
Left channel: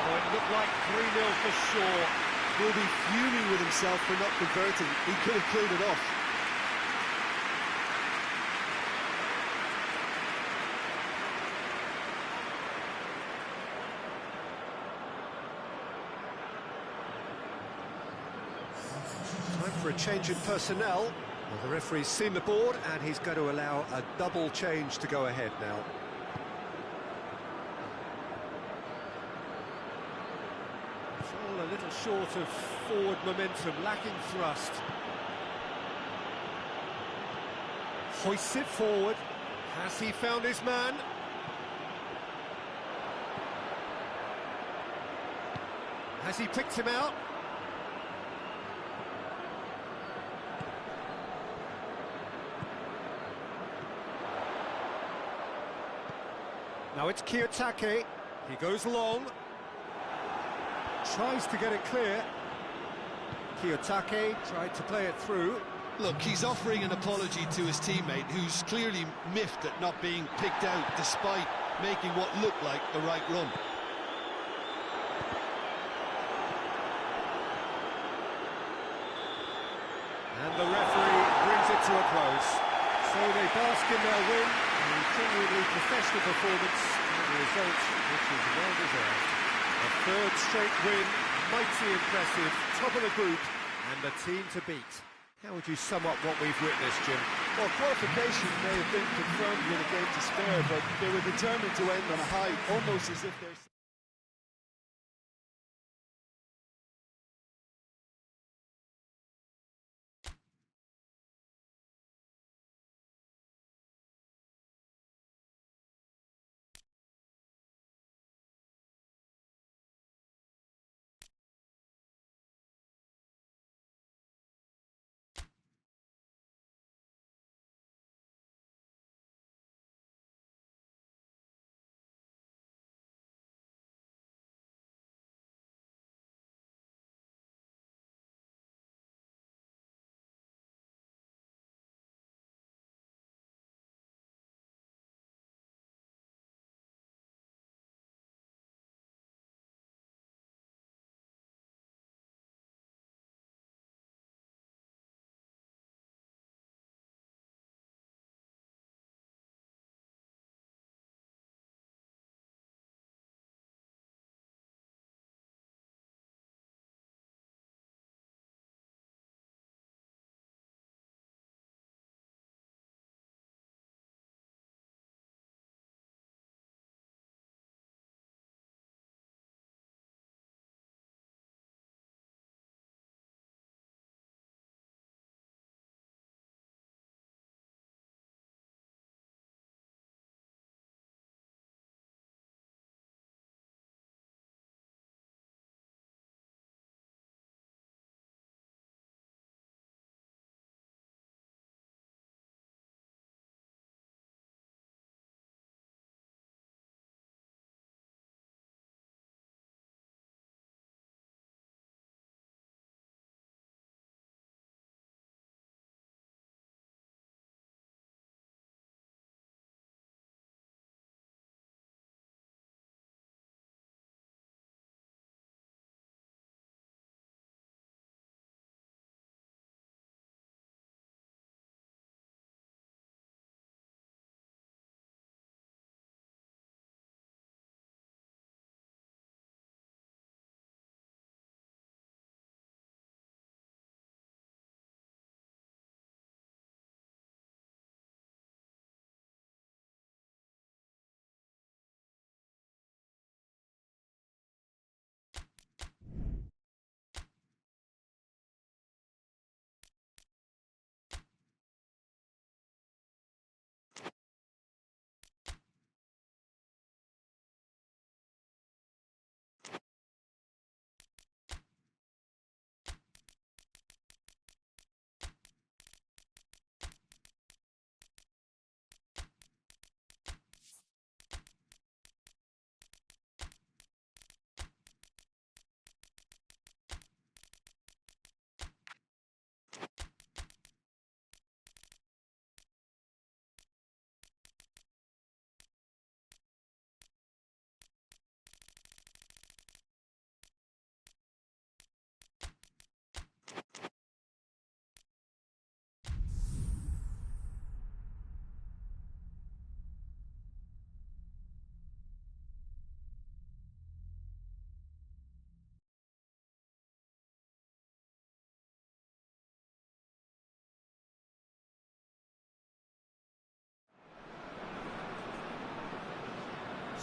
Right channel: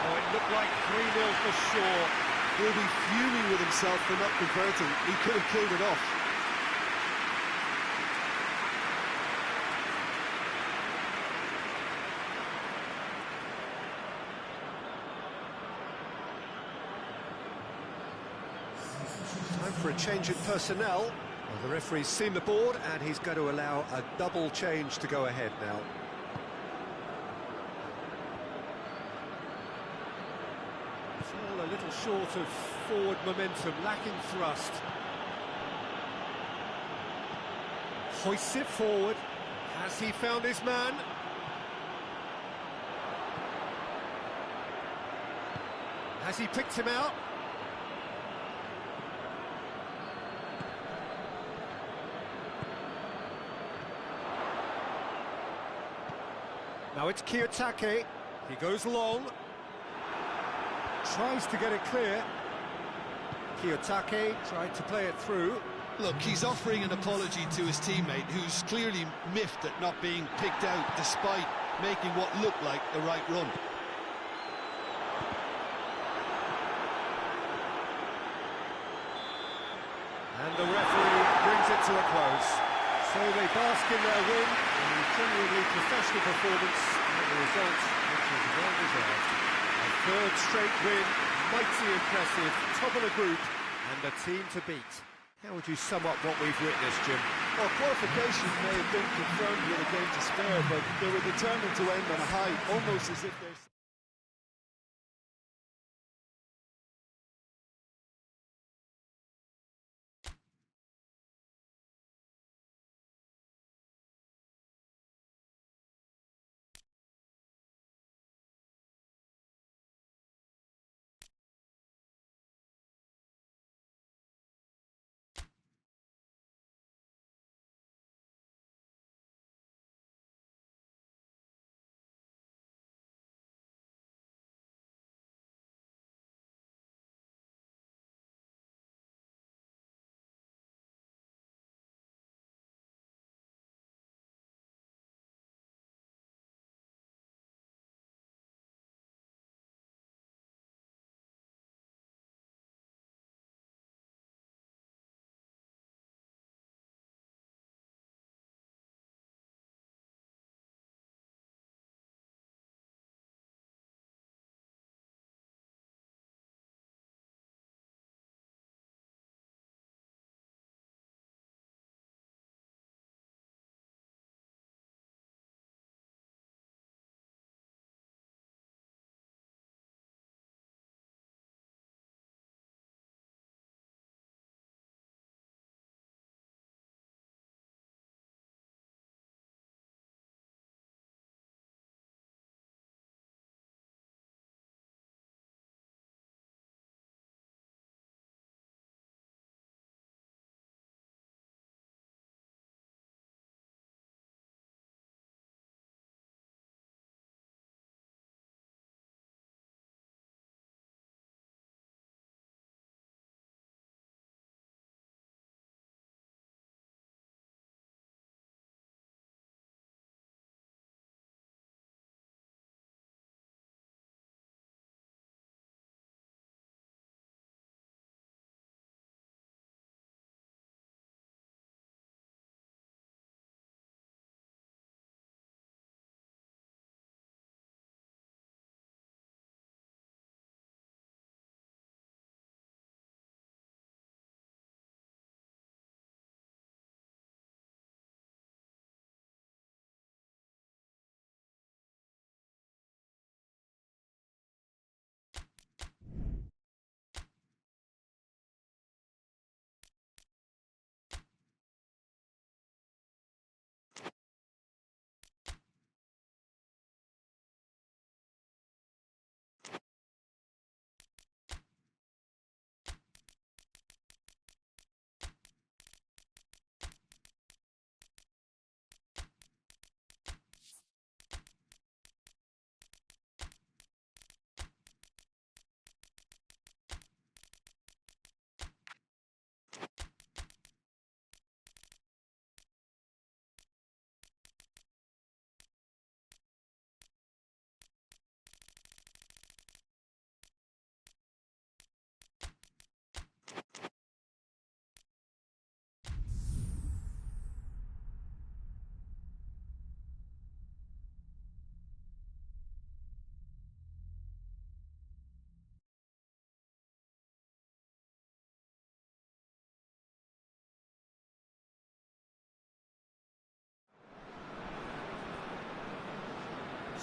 Oh, it looked like 3-0 for sure. He'll be fuming with himself for not converting. He could have killed it off. Time for a change in personnel. Well, the referee's seen the board, and he's going to allow a double change to go ahead now. All a little short of forward momentum, lacking thrust. Hoists it forward. Has he found his man? Has he picked him out? Now it's Kiyotake. He goes long. Tries to get it clear. Kiyotake tried to play it through. Look, he's offering an apology to his teammate, who's clearly miffed at not being picked out despite making what looked like the right run. And the referee brings it to a close. So they bask in their win, a genuinely professional performance, and the result which is well deserved. A third straight win, mighty impressive, top of the group, and the team to beat. How would you sum up what we've witnessed, Jim? Well, qualification may have been confirmed with a game to spare, but they were determined to end on a high, almost as if they're...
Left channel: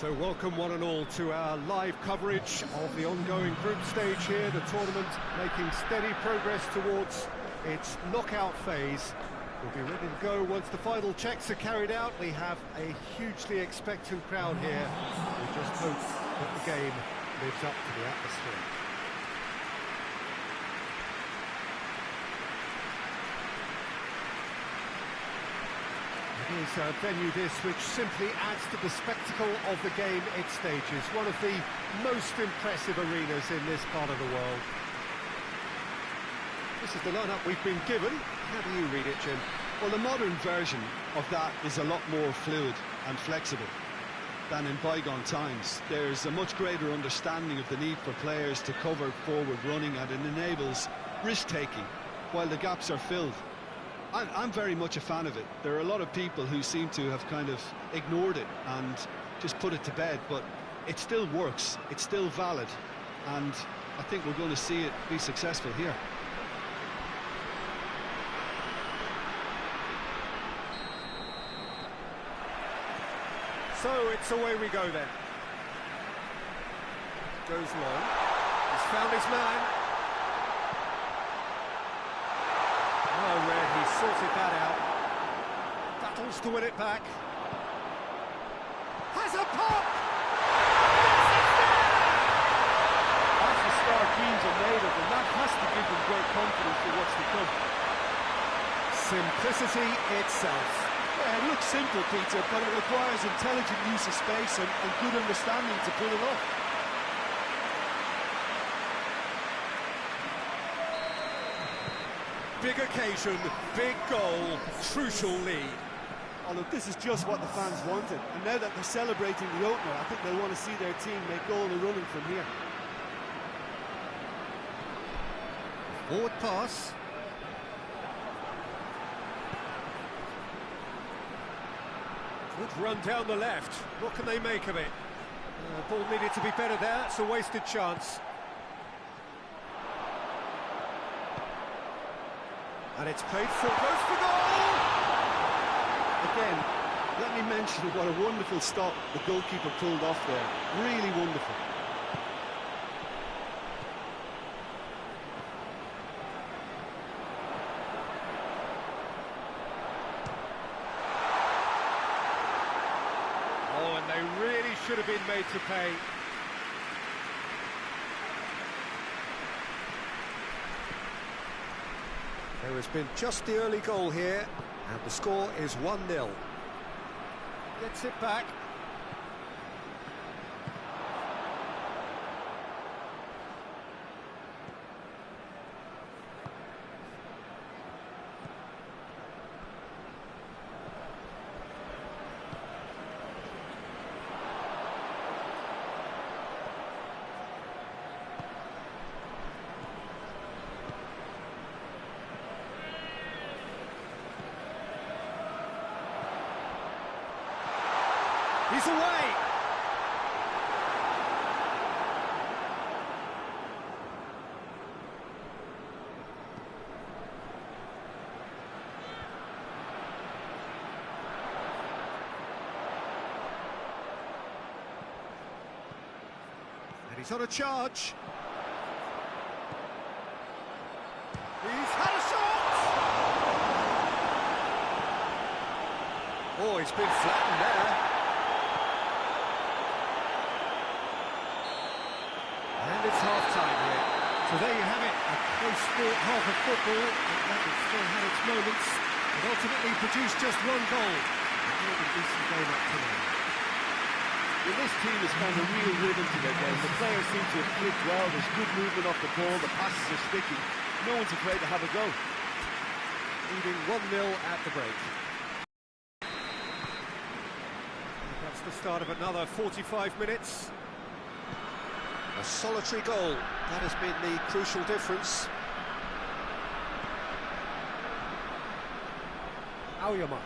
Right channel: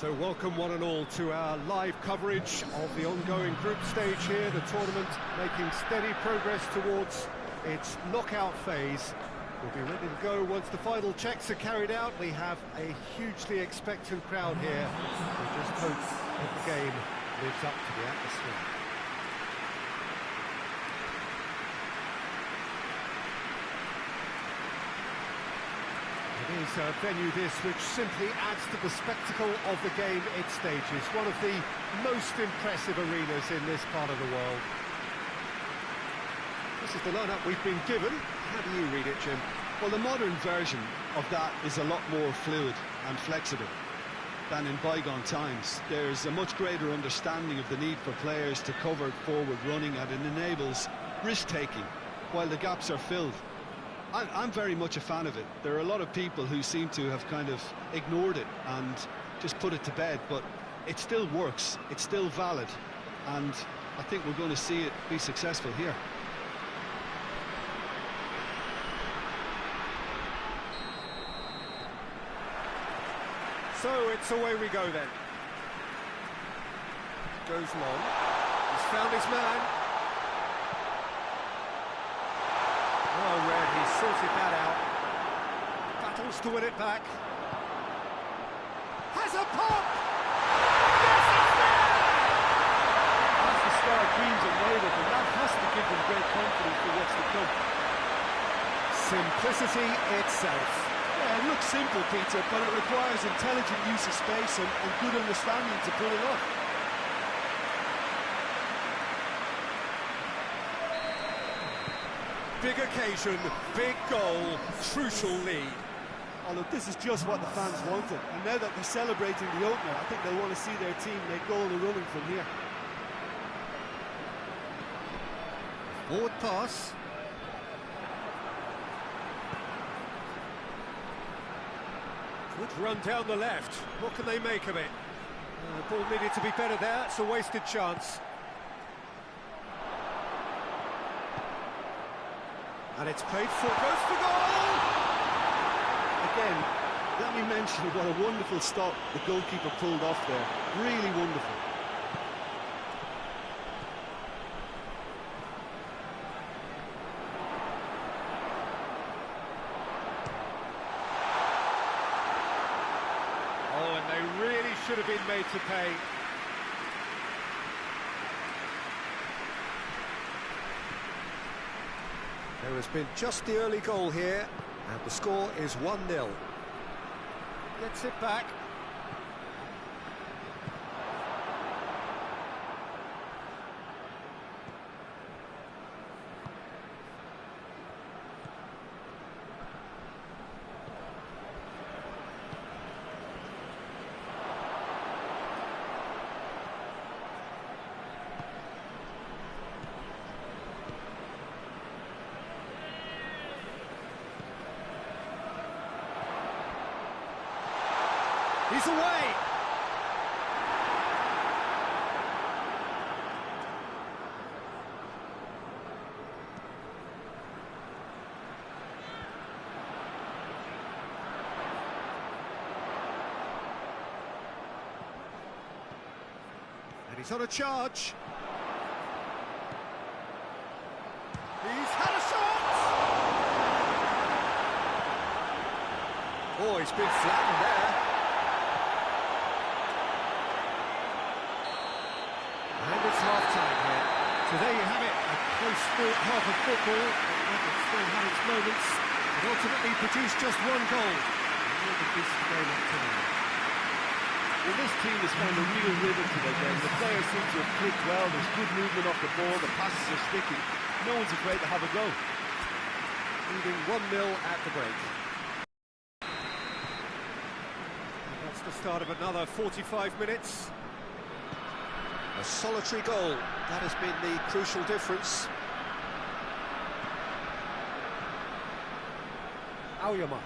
So welcome one and all to our live coverage of the ongoing group stage here, the tournament making steady progress towards its knockout phase. We'll be ready to go once the final checks are carried out. We have a hugely expectant crowd here. We just hope that the game lives up to the atmosphere. It is a venue this which simply adds to the spectacle of the game it stages. One of the most impressive arenas in this part of the world. This is the lineup we've been given. How do you read it, Jim? Well, the modern version of that is a lot more fluid and flexible than in bygone times. There's a much greater understanding of the need for players to cover forward running, and it enables risk-taking while the gaps are filled. I'm very much a fan of it. There are a lot of people who seem to have kind of ignored it and just put it to bed, but it still works, it's still valid, and I think we're going to see it be successful here. So it's away we go then. Goes long. He's found his man. Oh, Red, he's sorted that out. Battles to win it back. Has a pop! Yes, it's there! That's the start dreams are made of, and that has to give them great confidence for what's to come. Simplicity itself. Yeah, it looks simple, Peter, but it requires intelligent use of space and good understanding to pull it off. Big occasion, big goal, crucial lead. Oh, look, this is just what the fans wanted, and now that they're celebrating the opener, I think they'll want to see their team make goal and running from here. Forward pass. Good run down the left. What can they make of it? Ball needed to be better there. It's a wasted chance. And it's played for, goes for goal! Again, let me mention what a wonderful stop the goalkeeper pulled off there. Really wonderful. Oh, and they really should have been made to pay. There has been just the early goal here, and the score is 1-0. Gets it back. He's away! And he's on a charge. He's had a shot! Oh, he's been flattened there. And it's half-time here. So there you have it, a close-fought half of football, but that has still had its moments. It ultimately produced just one goal. A more than decent game up to now. Well, this team has found a real rhythm to their game. The players seem to have clicked well, there's good movement off the ball, the passes are sticking. No one's afraid to have a go. Leading 1-0 at the break. And that's the start of another 45 minutes. A solitary goal, that has been the crucial difference. Aoyama.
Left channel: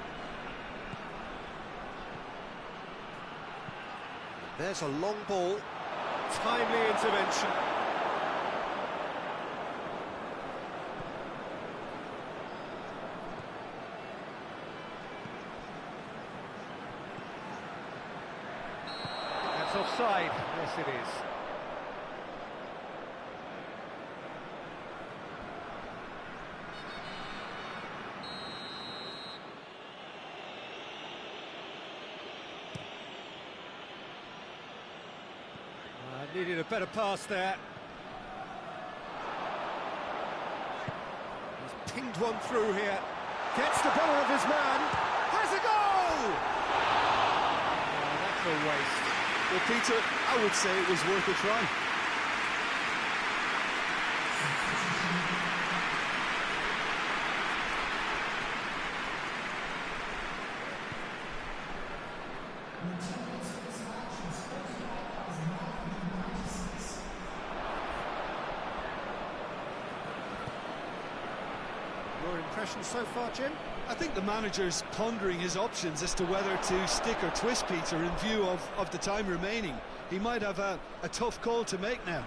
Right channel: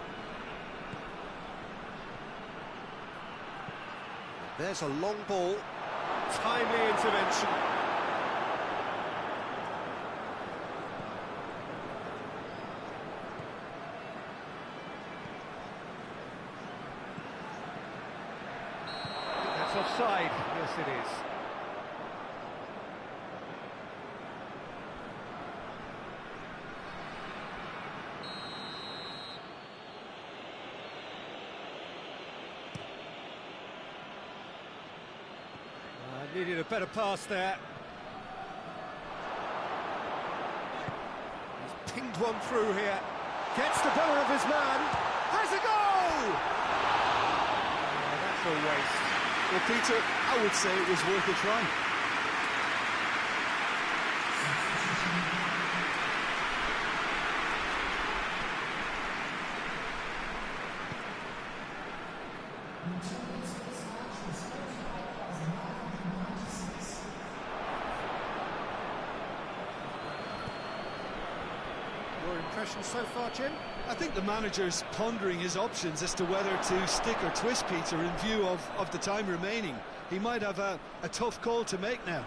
There's a long ball, timely intervention. It's offside. Yes, it is. Needed a better pass there. He's pinged one through here. Gets the better of his man. Has a goal! Oh, that's a waste. Well, Peter, I would say it was worth a try. Your impression so far, Jim? I think the manager's pondering his options as to whether to stick or twist Peter in view of the time remaining. He might have a tough call to make now.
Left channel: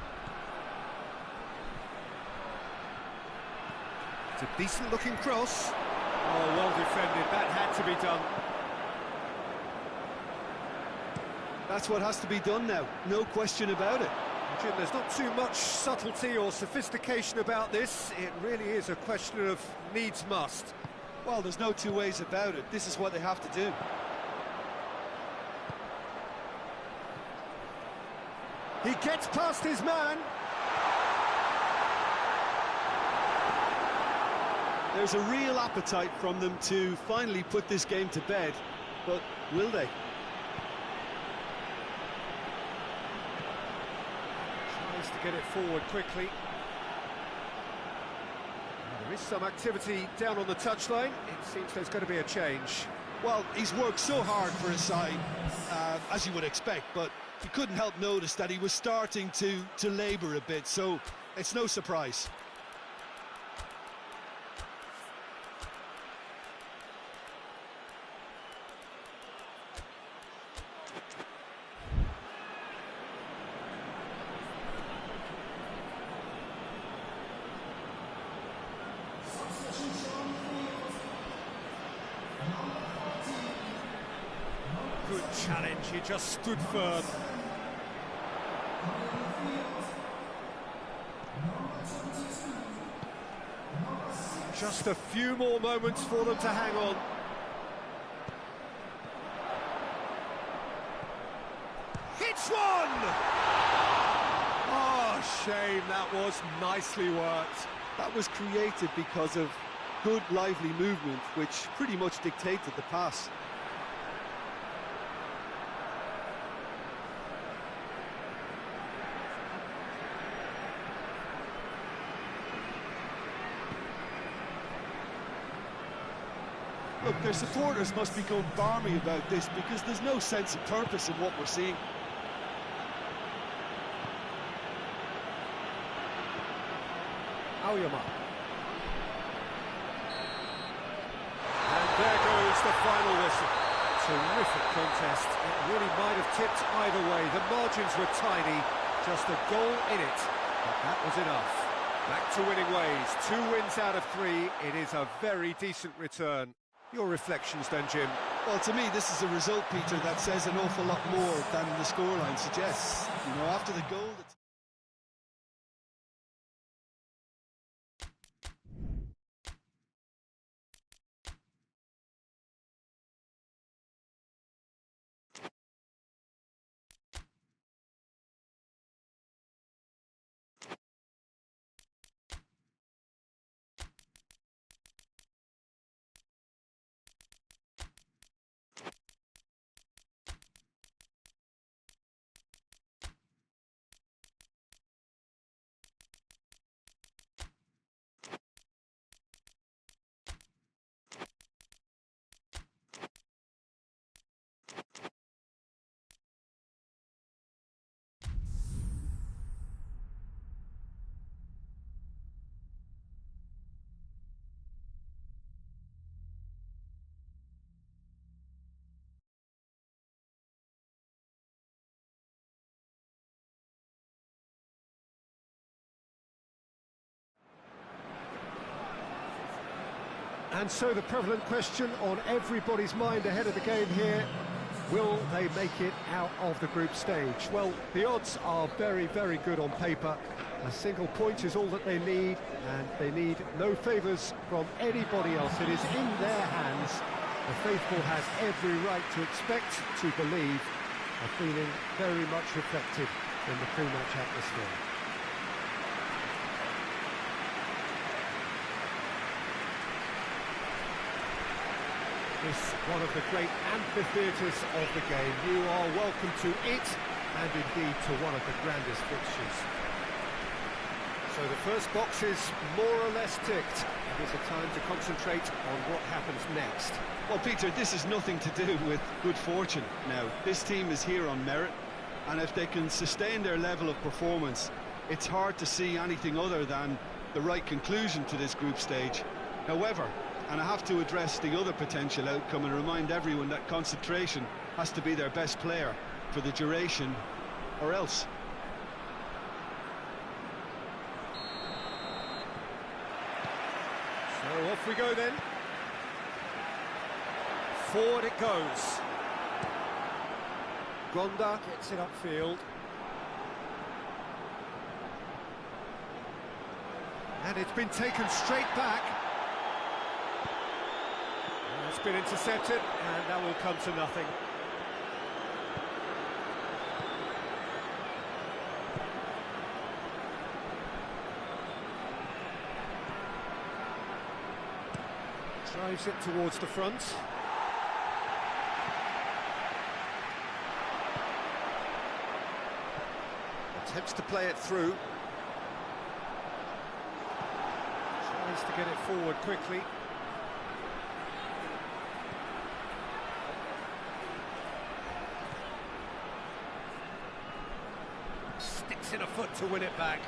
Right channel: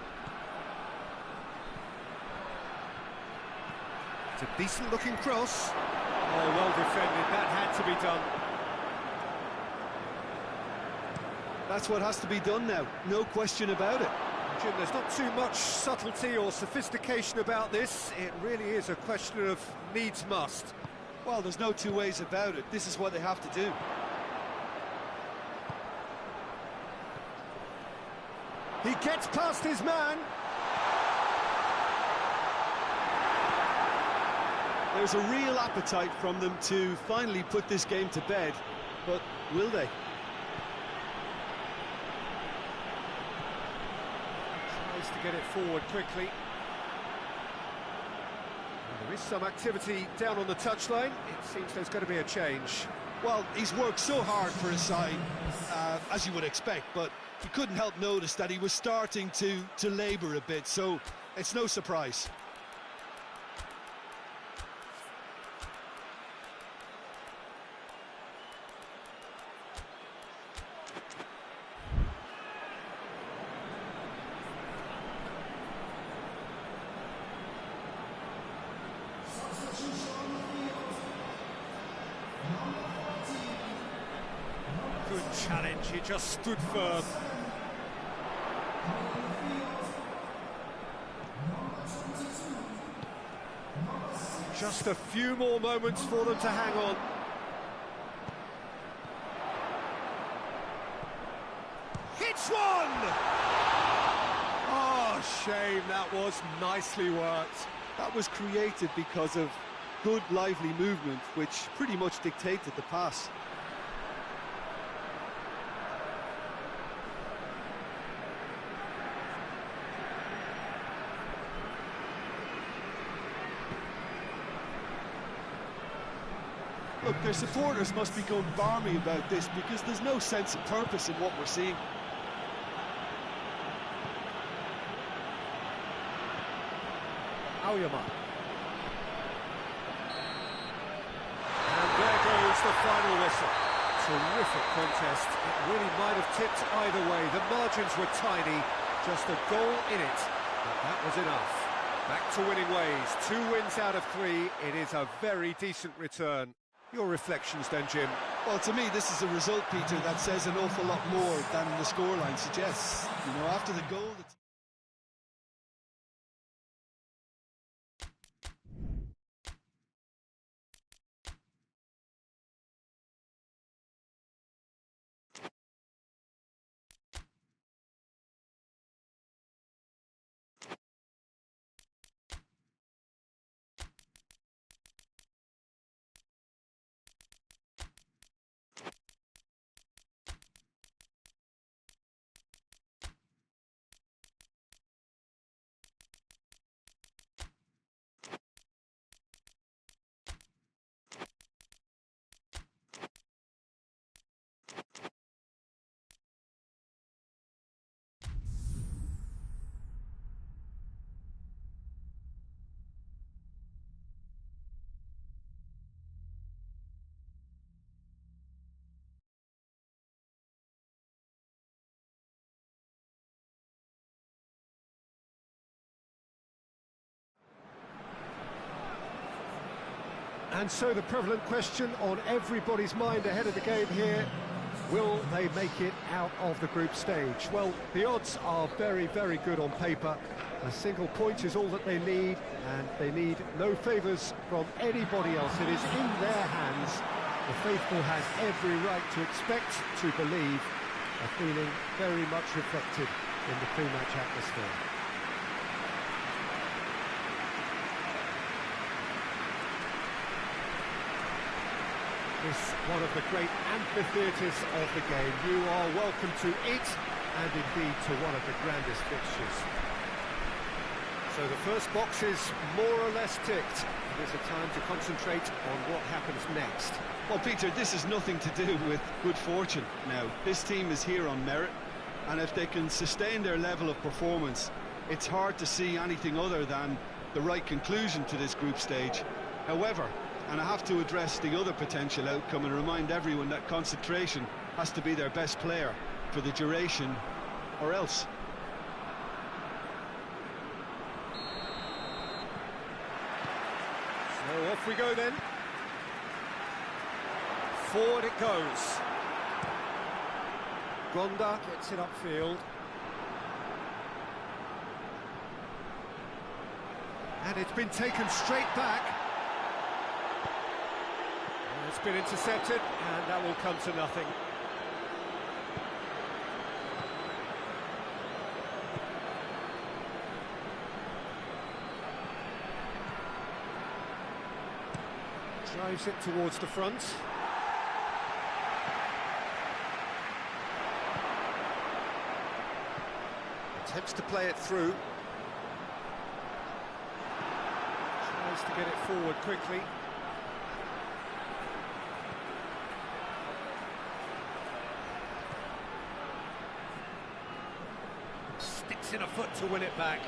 It's a decent-looking cross. Oh, well defended. That had to be done. That's what has to be done now, no question about it. Jim, there's not too much subtlety or sophistication about this. It really is a question of needs must. Well, there's no two ways about it. This is what they have to do. He gets past his man. There's a real appetite from them to finally put this game to bed, but will they? Tries to get it forward quickly. There is some activity down on the touchline. It seems there's going to be a change. Well, he's worked so hard for his side, as you would expect, but you couldn't help notice that he was starting to labour a bit, so it's no surprise. Good challenge, he just stood firm. Just a few more moments for them to hang on. Hits one! Oh, shame, that was nicely worked. That was created because of good, lively movement, which pretty much dictated the pass. Look, their supporters must be going balmy about this because there's no sense of purpose in what we're seeing. Aoyama. And there goes the final whistle. Terrific contest. It really might have tipped either way. The margins were tiny, just a goal in it, but that was enough. Back to winning ways. 2 wins out of 3. It is a very decent return. Your reflections then, Jim? Well, to me, this is a result, Peter, that says an awful lot more than the scoreline suggests. You know, after the goal... And so the prevalent question on everybody's mind ahead of the game here, Will they make it out of the group stage? Well, the odds are very, very good on paper. A single point is all that they need, and they need no favours from anybody else. It is in their hands. The faithful has every right to expect, to believe, a feeling very much reflected in the pre-match atmosphere. This one of the great amphitheatres of the game. You are welcome to it, and indeed to one of the grandest fixtures. So the first box is more or less ticked. It is a time to concentrate on what happens next. Well, Peter, this has nothing to do with good fortune now. This team is here on merit, and if they can sustain their level of performance, it's hard to see anything other than the right conclusion to this group stage. However, and I have to address the other potential outcome and remind everyone that concentration has to be their best player for the duration, or else. So off we go then. Forward it goes. Gonda gets it upfield. And it's been taken straight back. And it's been intercepted, and that will come to nothing. Drives it towards the front. Attempts to play it through. Tries to get it forward quickly. Sticks in a foot to win it back.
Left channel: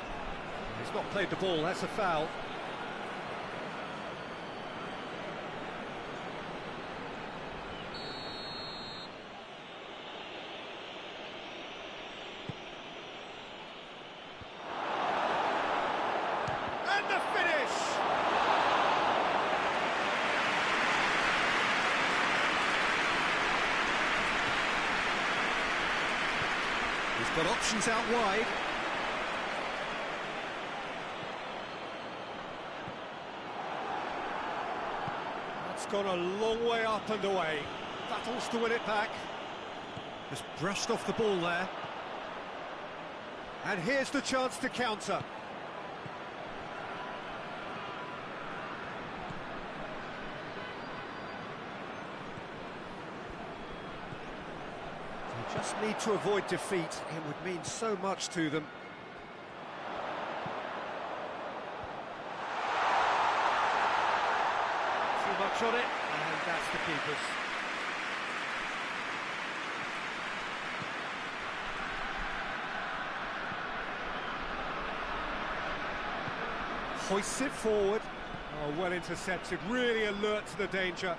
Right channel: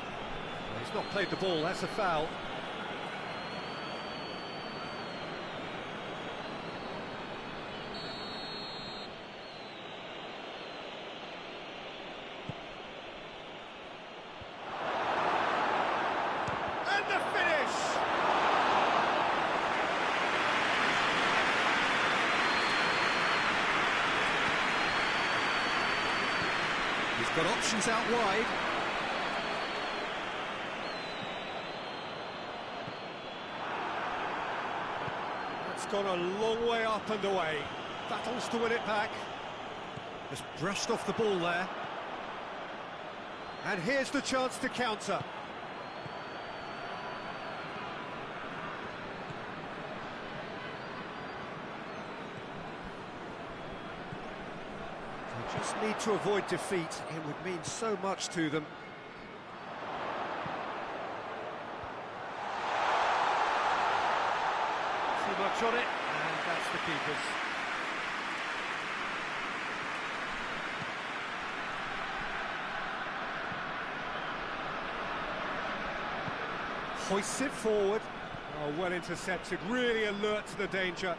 He's not played the ball, that's a foul. And the finish! He's got options out wide. That's gone a long way up and away. Battles to win it back. Just brushed off the ball there. And here's the chance to counter. They just need to avoid defeat. It would mean so much to them. Too much on it, and that's the keeper's. Hoists it forward. Oh, well intercepted, really alert to the danger.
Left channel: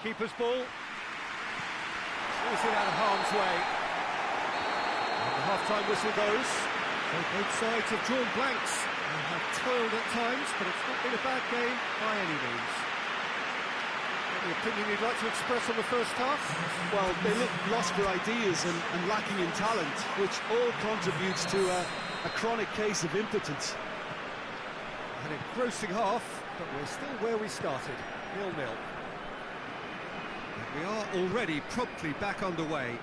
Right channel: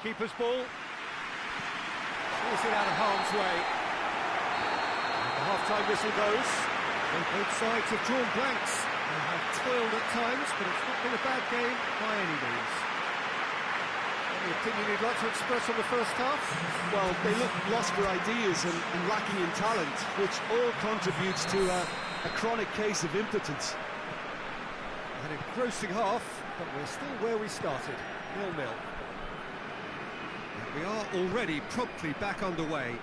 Keeper's ball. Clears it out of harm's way. And the half-time whistle goes. So both sides have drawn blanks and have toiled at times, but it's not been a bad game by any means. Any opinion you'd like to express on the first half? Well, they look lost for ideas and lacking in talent, which all contributes to a chronic case of impotence. An engrossing half, but we're still where we started, 0-0. We are already promptly back underway.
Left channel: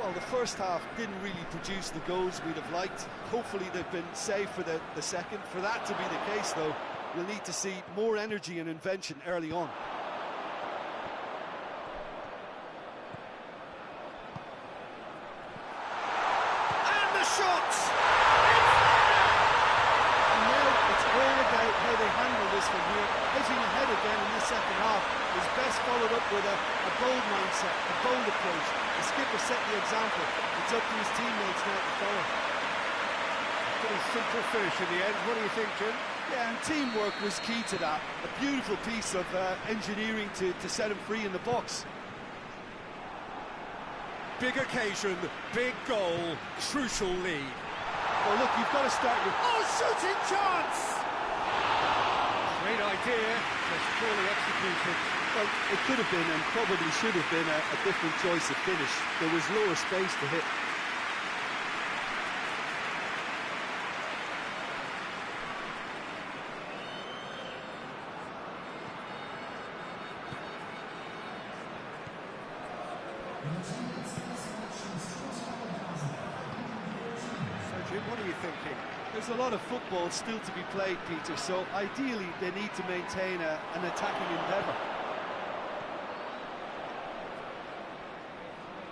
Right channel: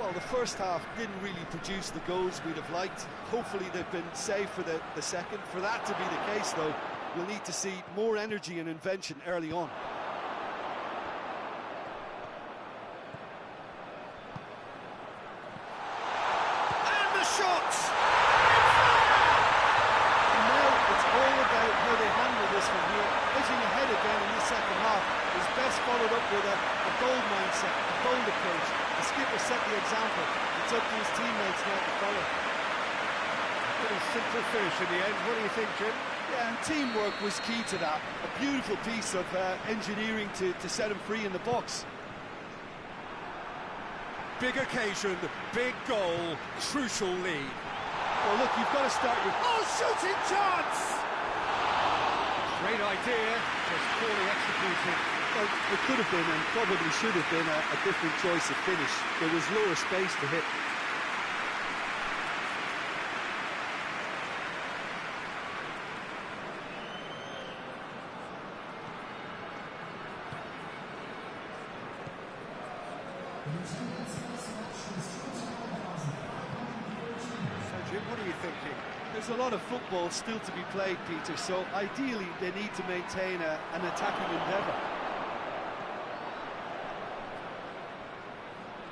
Well, the first half didn't really produce the goals we'd have liked. Hopefully they've been saved for the second. For that to be the case, though, we'll need to see more energy and invention early on. And the shot! And now it's all about how they handle this from here. Edging ahead again in the second half is best followed up with a bold mindset, a bold approach. The skipper set the example. It's up to his teammates now to follow. A pretty simple finish in the end. What do you think, Jim? Yeah, and teamwork was key to that. A beautiful piece of engineering to set him free in the box. Big occasion, big goal, crucial lead. Well, look, you've got to start your... Oh, shooting chance! Great idea, just poorly executed. Well, it could have been and probably should have been a different choice of finish. There was lower space to hit. So, Jim, what are you thinking? There's a lot of football still to be played, Peter, so ideally they need to maintain an attacking endeavour.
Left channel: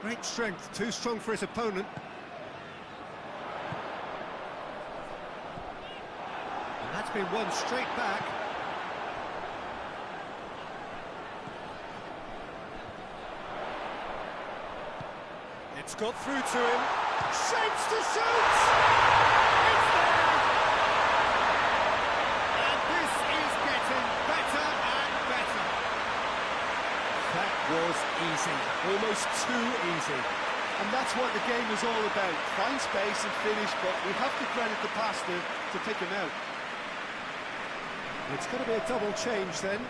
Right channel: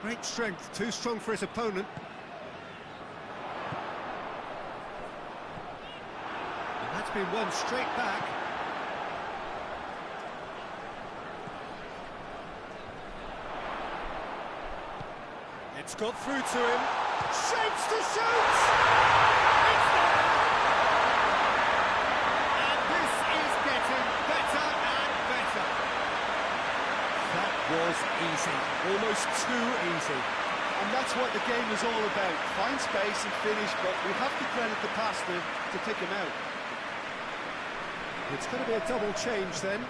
Great strength, too strong for his opponent. And that's been won straight back. It's got through to him. Shapes to shoot! It's there! And this is getting better and better. That was easy, almost too easy. And that's what the game is all about. Find space and finish, but we have to credit the pass to pick him out. It's going to be a double change then.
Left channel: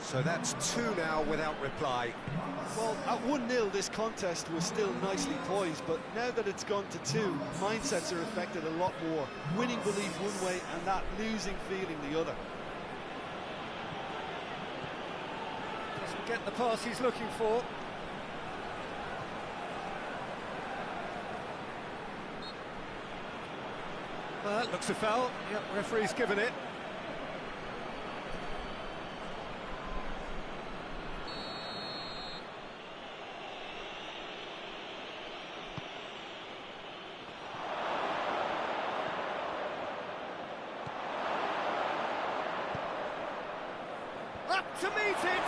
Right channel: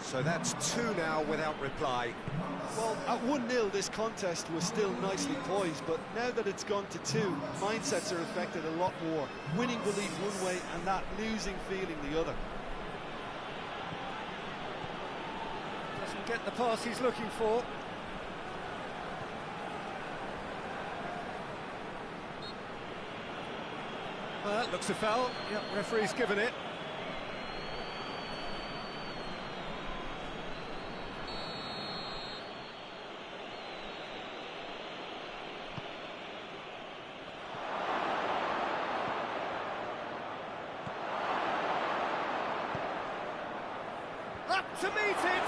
So that's two now without reply. Well, at 1-0, this contest was still nicely poised, but now that it's gone to 2, mindsets are affected a lot more. Winning belief one way and that losing feeling the other. Doesn't get the pass he's looking for. Well, that looks a foul. Yep, referee's given it. Up to meet it!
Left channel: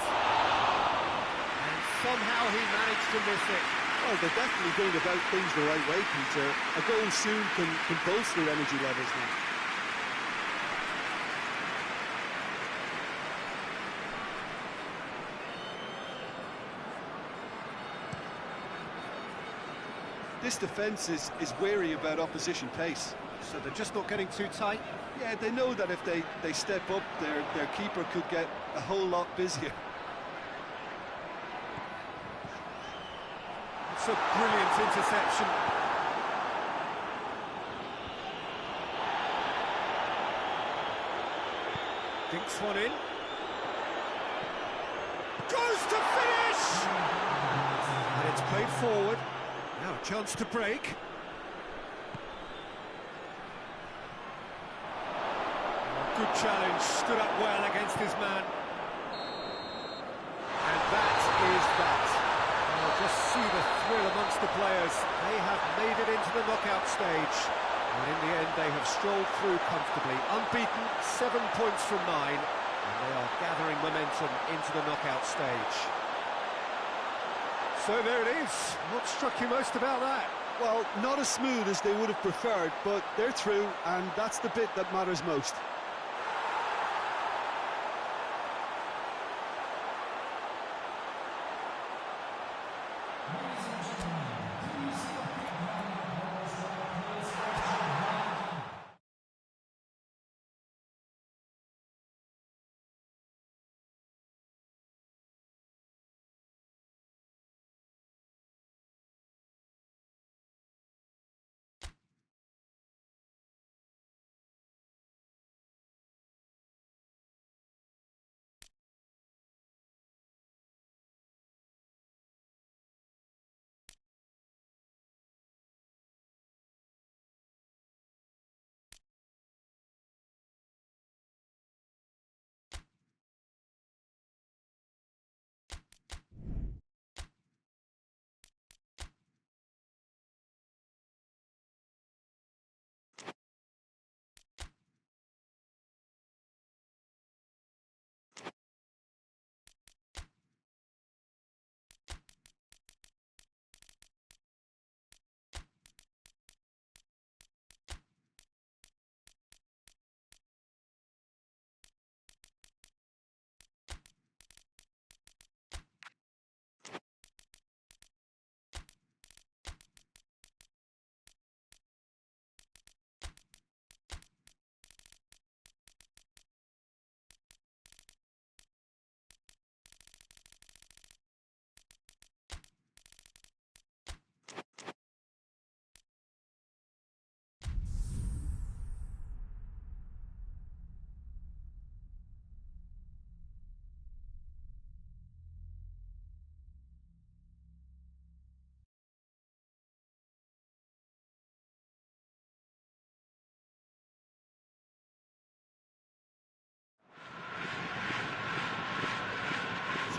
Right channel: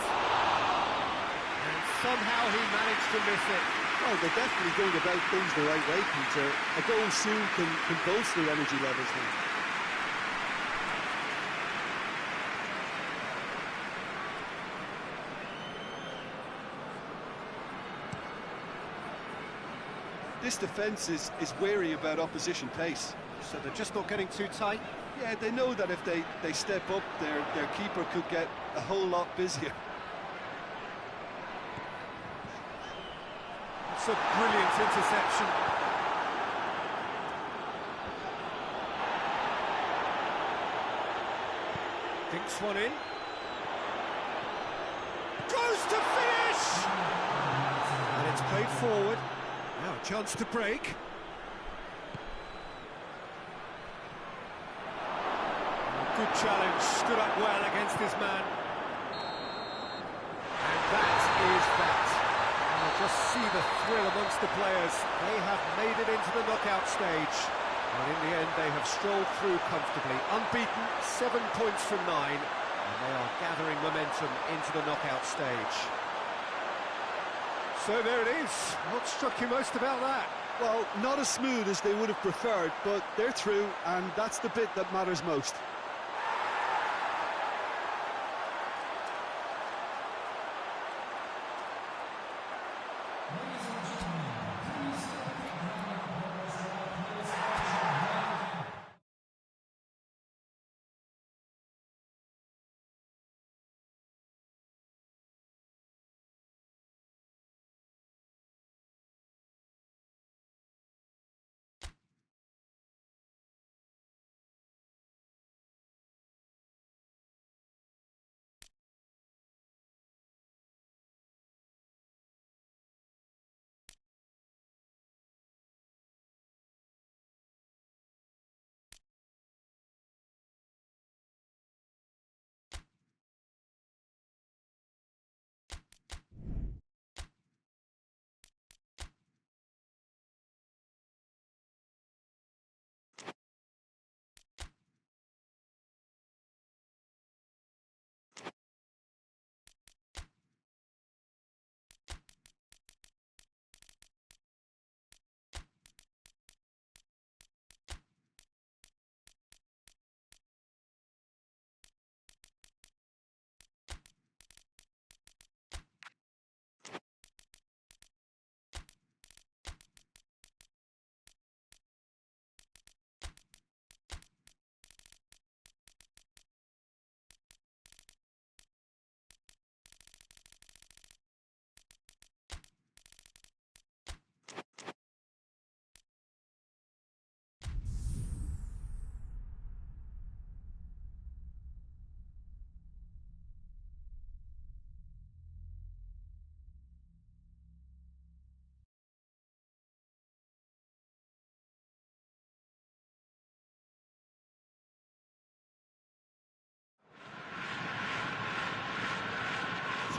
And somehow he managed to miss it. Well, they're definitely going about things the right way, Peter. A goal soon can bolster energy levels now. This defence is wary about opposition pace. So they're just not getting too tight. Yeah, they know that if they step up, their keeper could get a whole lot busier. It's a brilliant interception. Dinks one in. Goes to finish! And it's played forward. Now a chance to break. Good challenge, stood up well against his man. And that is that. Well, just see the thrill amongst the players. They have made it into the knockout stage. And in the end, they have strolled through comfortably. Unbeaten, 7 points from 9. And they are gathering momentum into the knockout stage. So there it is. What struck you most about that? Well, not as smooth as they would have preferred, but they're through, and that's the bit that matters most.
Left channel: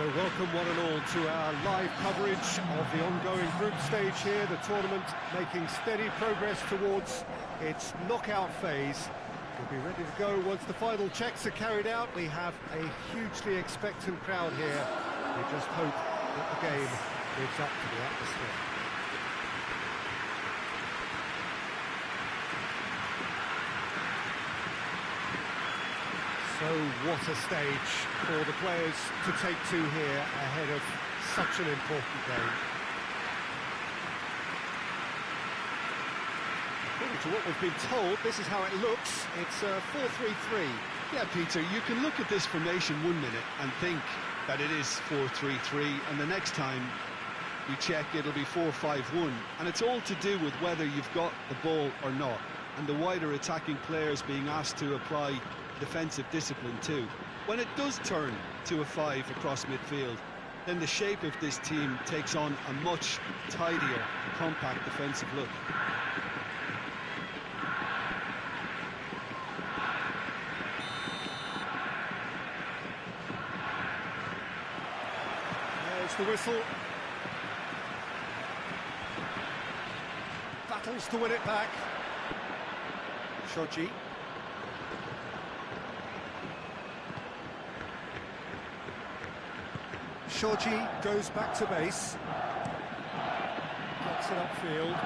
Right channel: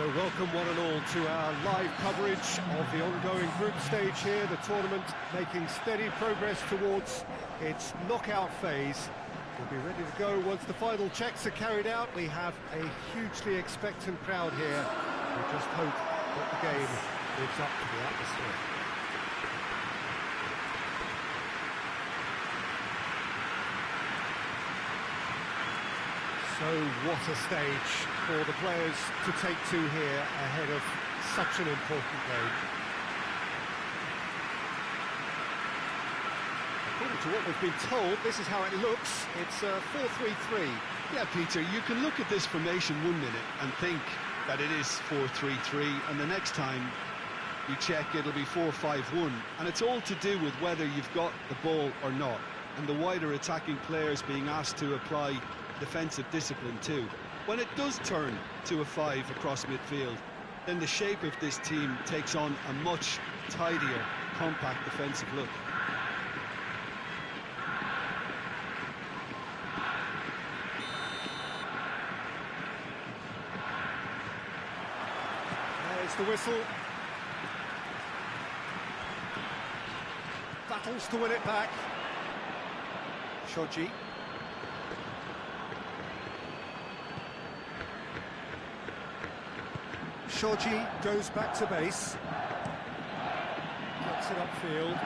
So welcome one and all to our live coverage of the ongoing group stage here, the tournament making steady progress towards its knockout phase. We'll be ready to go once the final checks are carried out. We have a hugely expectant crowd here. We just hope that the game lives up to the atmosphere. So what a stage for the players to take to here ahead of such an important game. According to what we've been told, this is how it looks. It's 4-3-3. Yeah, Peter, you can look at this formation 1 minute and think that it is 4-3-3, and the next time you check it'll be 4-5-1, and it's all to do with whether you've got the ball or not, and the wider attacking players being asked to apply defensive discipline too. When it does turn to a 5 across midfield, then the shape of this team takes on a much tidier, compact defensive look. There's the whistle. Battles to win it back. Shoji. Shoji goes back to base. Gets it upfield.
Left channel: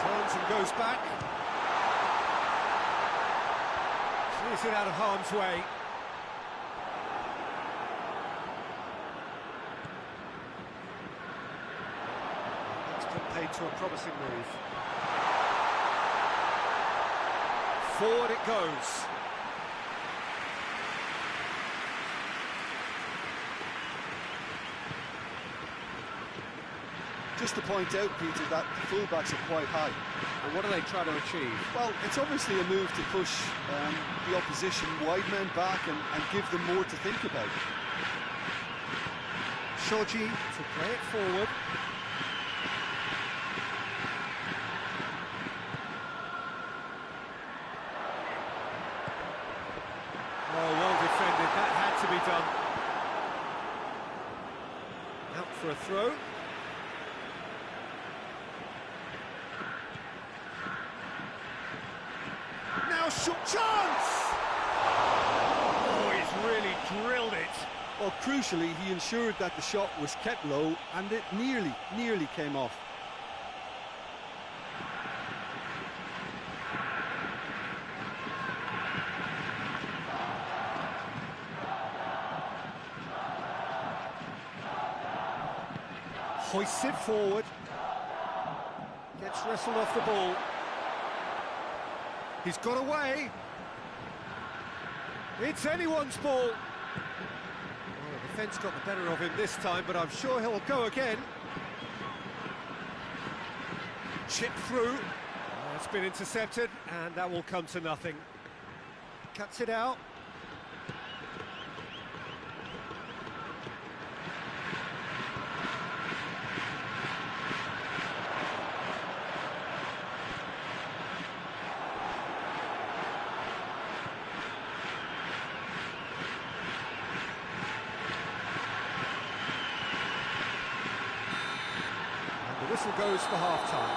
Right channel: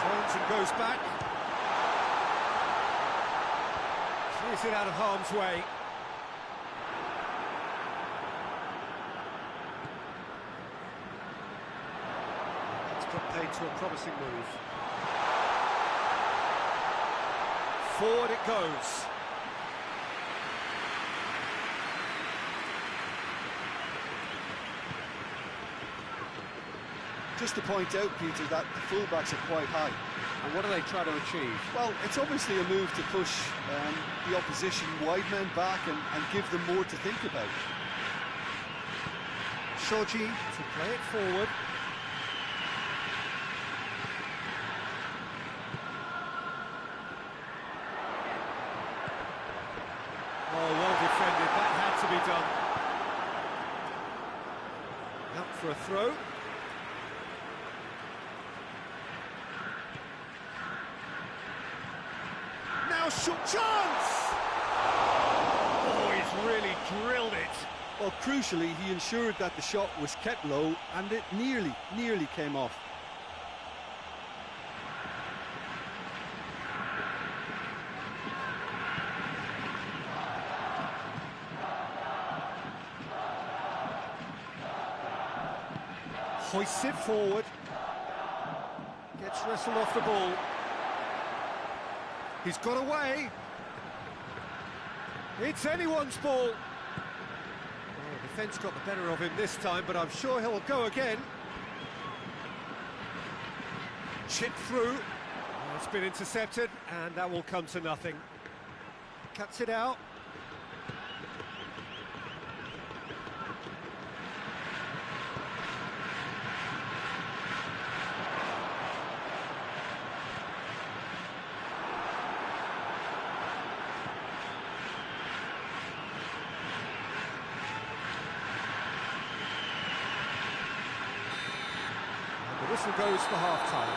Turns and goes back. Clears it out of harm's way. Played to a promising move. Forward it goes. Just to point out, Peter, that the fullbacks are quite high. And what do they try to achieve? Well, it's obviously a move to push the opposition wide men back and give them more to think about. Shoji to play it forward. Oh, well defended, that had to be done. Out for a throw. Now shot chance! Oh, he's really drilled it. Well, crucially, he ensured that the shot was kept low and it nearly came off. Hoists it forward. Gets wrestled off the ball. He's got away. It's anyone's ball. Oh, the defence got the better of him this time, but I'm sure he'll go again. Chip through. Oh, it's been intercepted, and that will come to nothing. Cuts it out. The whistle goes for half-time.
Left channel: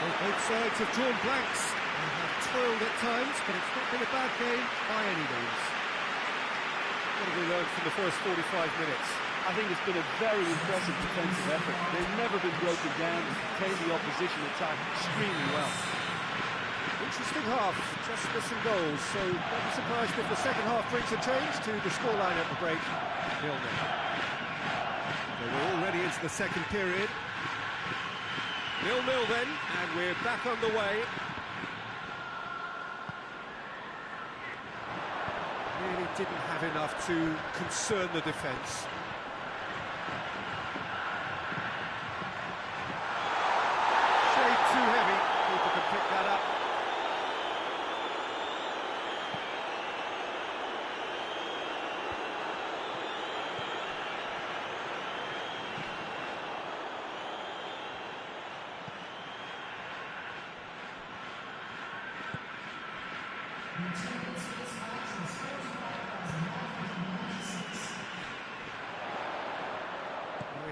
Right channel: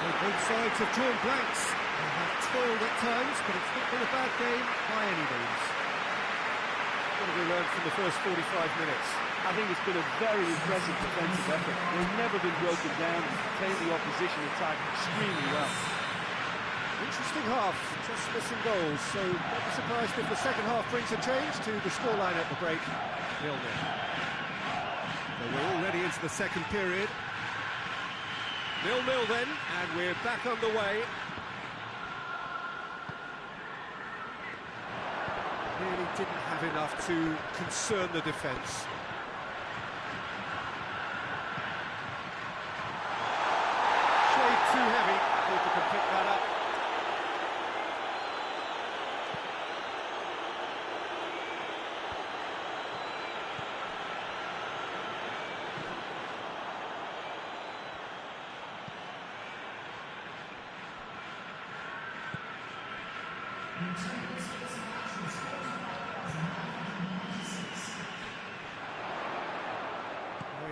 So both sides have drawn blanks. They have toiled at times, but it's not been a bad game by any means. What have we learned from the first 45 minutes? I think it's been a very impressive defensive effort. They've never been broken down and contained the opposition attack extremely well. Interesting half, just missing goals, so don't be surprised if the second half brings a change to the scoreline at the break. 0-0. So we're already into the second period. 0-0 then, and we're back underway. Really didn't have enough to concern the defence. Shade too heavy, keeper can pick that up.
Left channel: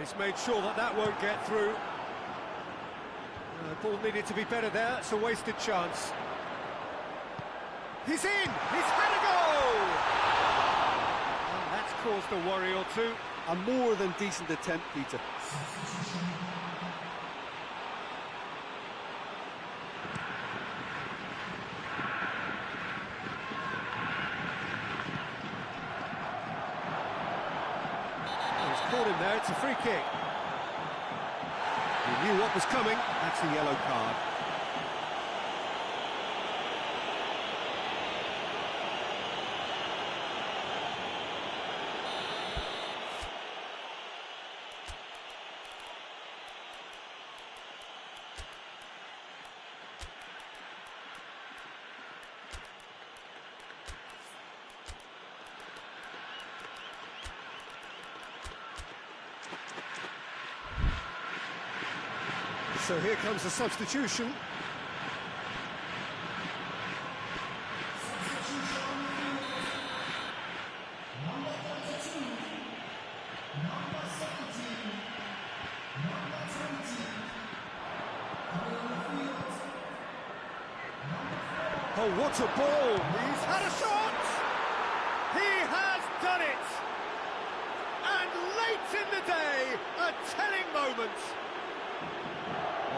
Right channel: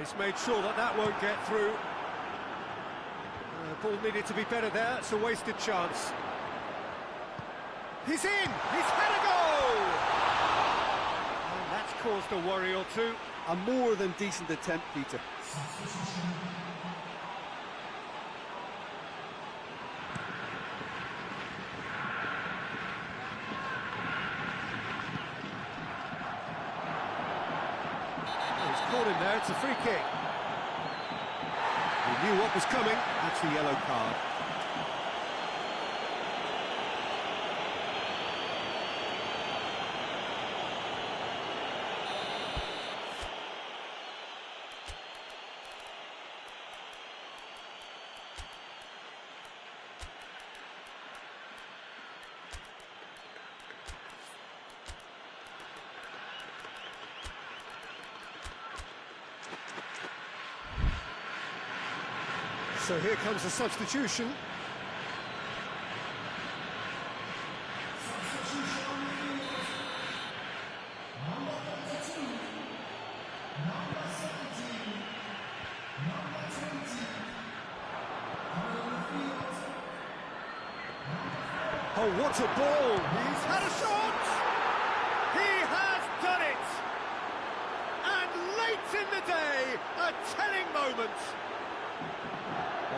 He's made sure that that won't get through. Ball needed to be better there. It's a wasted chance. He's in! He's had a goal! And that's caused a worry or two. A more than decent attempt, Peter. He's caught him there, it's a free kick. He knew what was coming, that's a yellow card. So here comes the substitution. Oh, what a ball! He's had a shot! He has done it! And late in the day, a telling moment.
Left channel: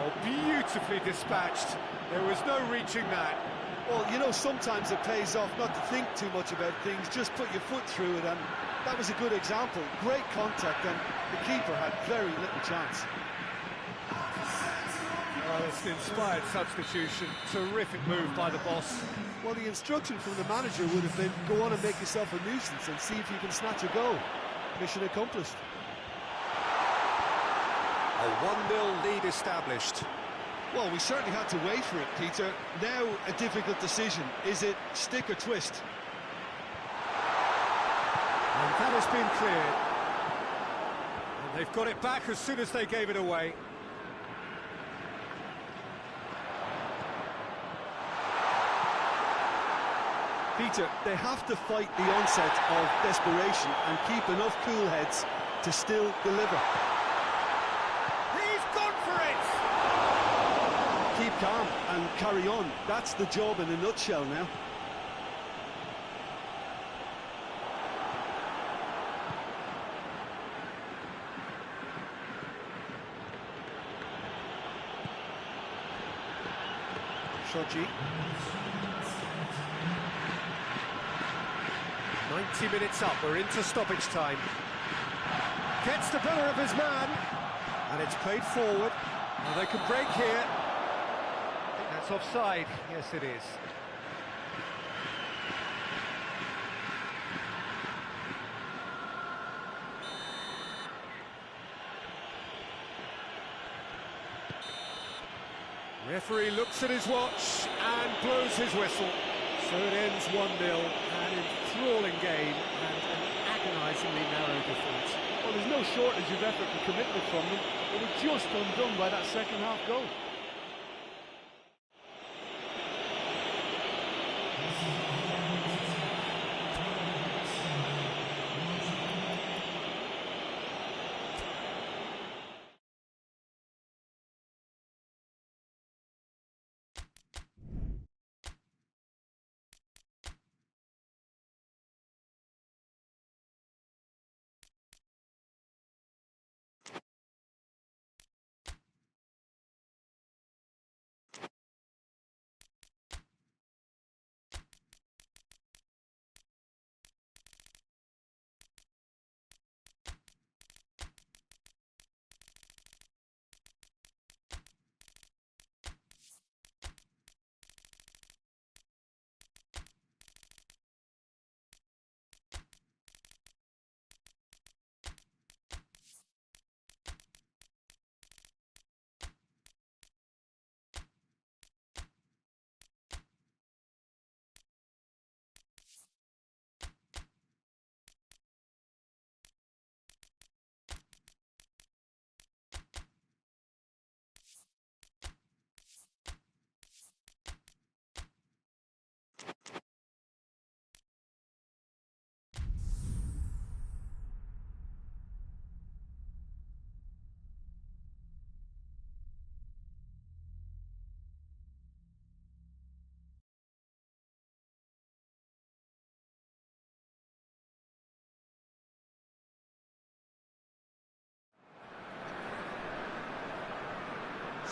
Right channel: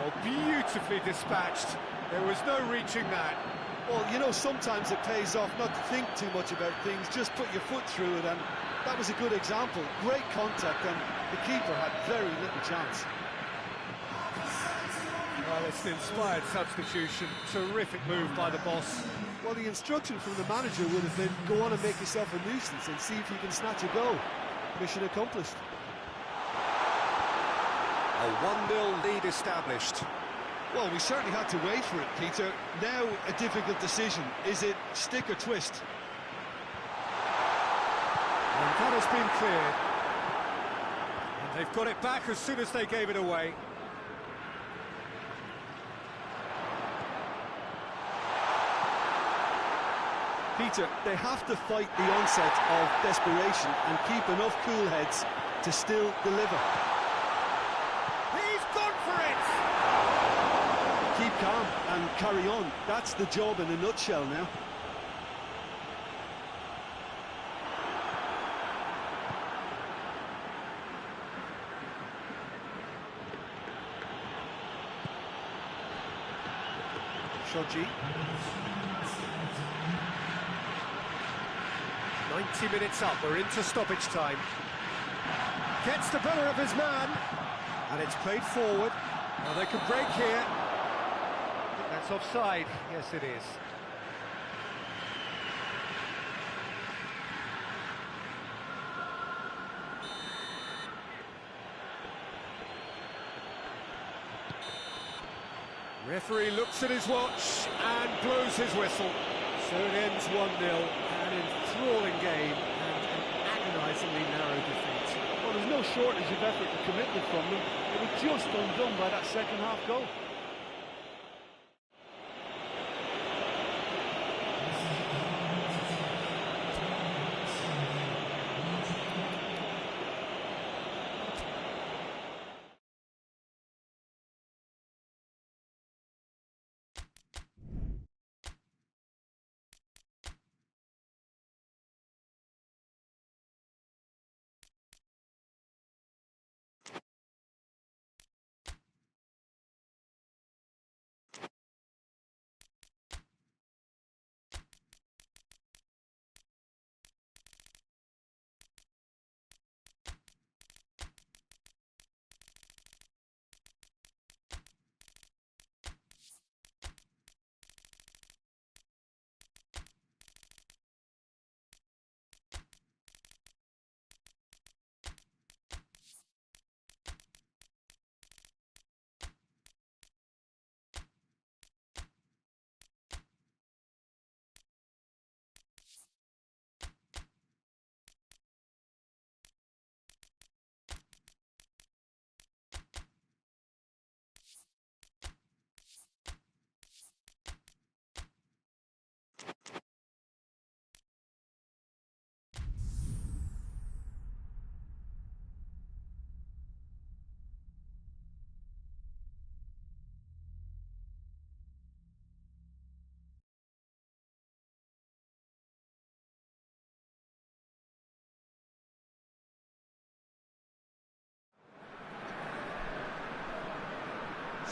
Oh, beautifully dispatched. There was no reaching that. Well, you know, sometimes it pays off not to think too much about things, just put your foot through it, and that was a good example. Great contact, and the keeper had very little chance. Well, it's an inspired substitution. Terrific move by the boss. Well, the instruction from the manager would have been, go on and make yourself a nuisance and see if you can snatch a goal. Mission accomplished. A 1-0 lead established. Well, we certainly had to wait for it, Peter. Now a difficult decision. Is it stick or twist? And that has been cleared. And they've got it back as soon as they gave it away. Peter, they have to fight the onset of desperation and keep enough cool heads to still deliver. He's gone for it! Keep calm and carry on. That's the job in a nutshell now. Shoji. 90 minutes up, we're into stoppage time. Gets the better of his man, and it's played forward. Well, they can break here. I think that's offside. Yes, it is. Referee looks at his watch and blows his whistle. So it ends 1-0, an enthralling game and an agonisingly narrow defeat. Well, there's no shortage of effort and commitment from them. They were just undone by that second-half goal.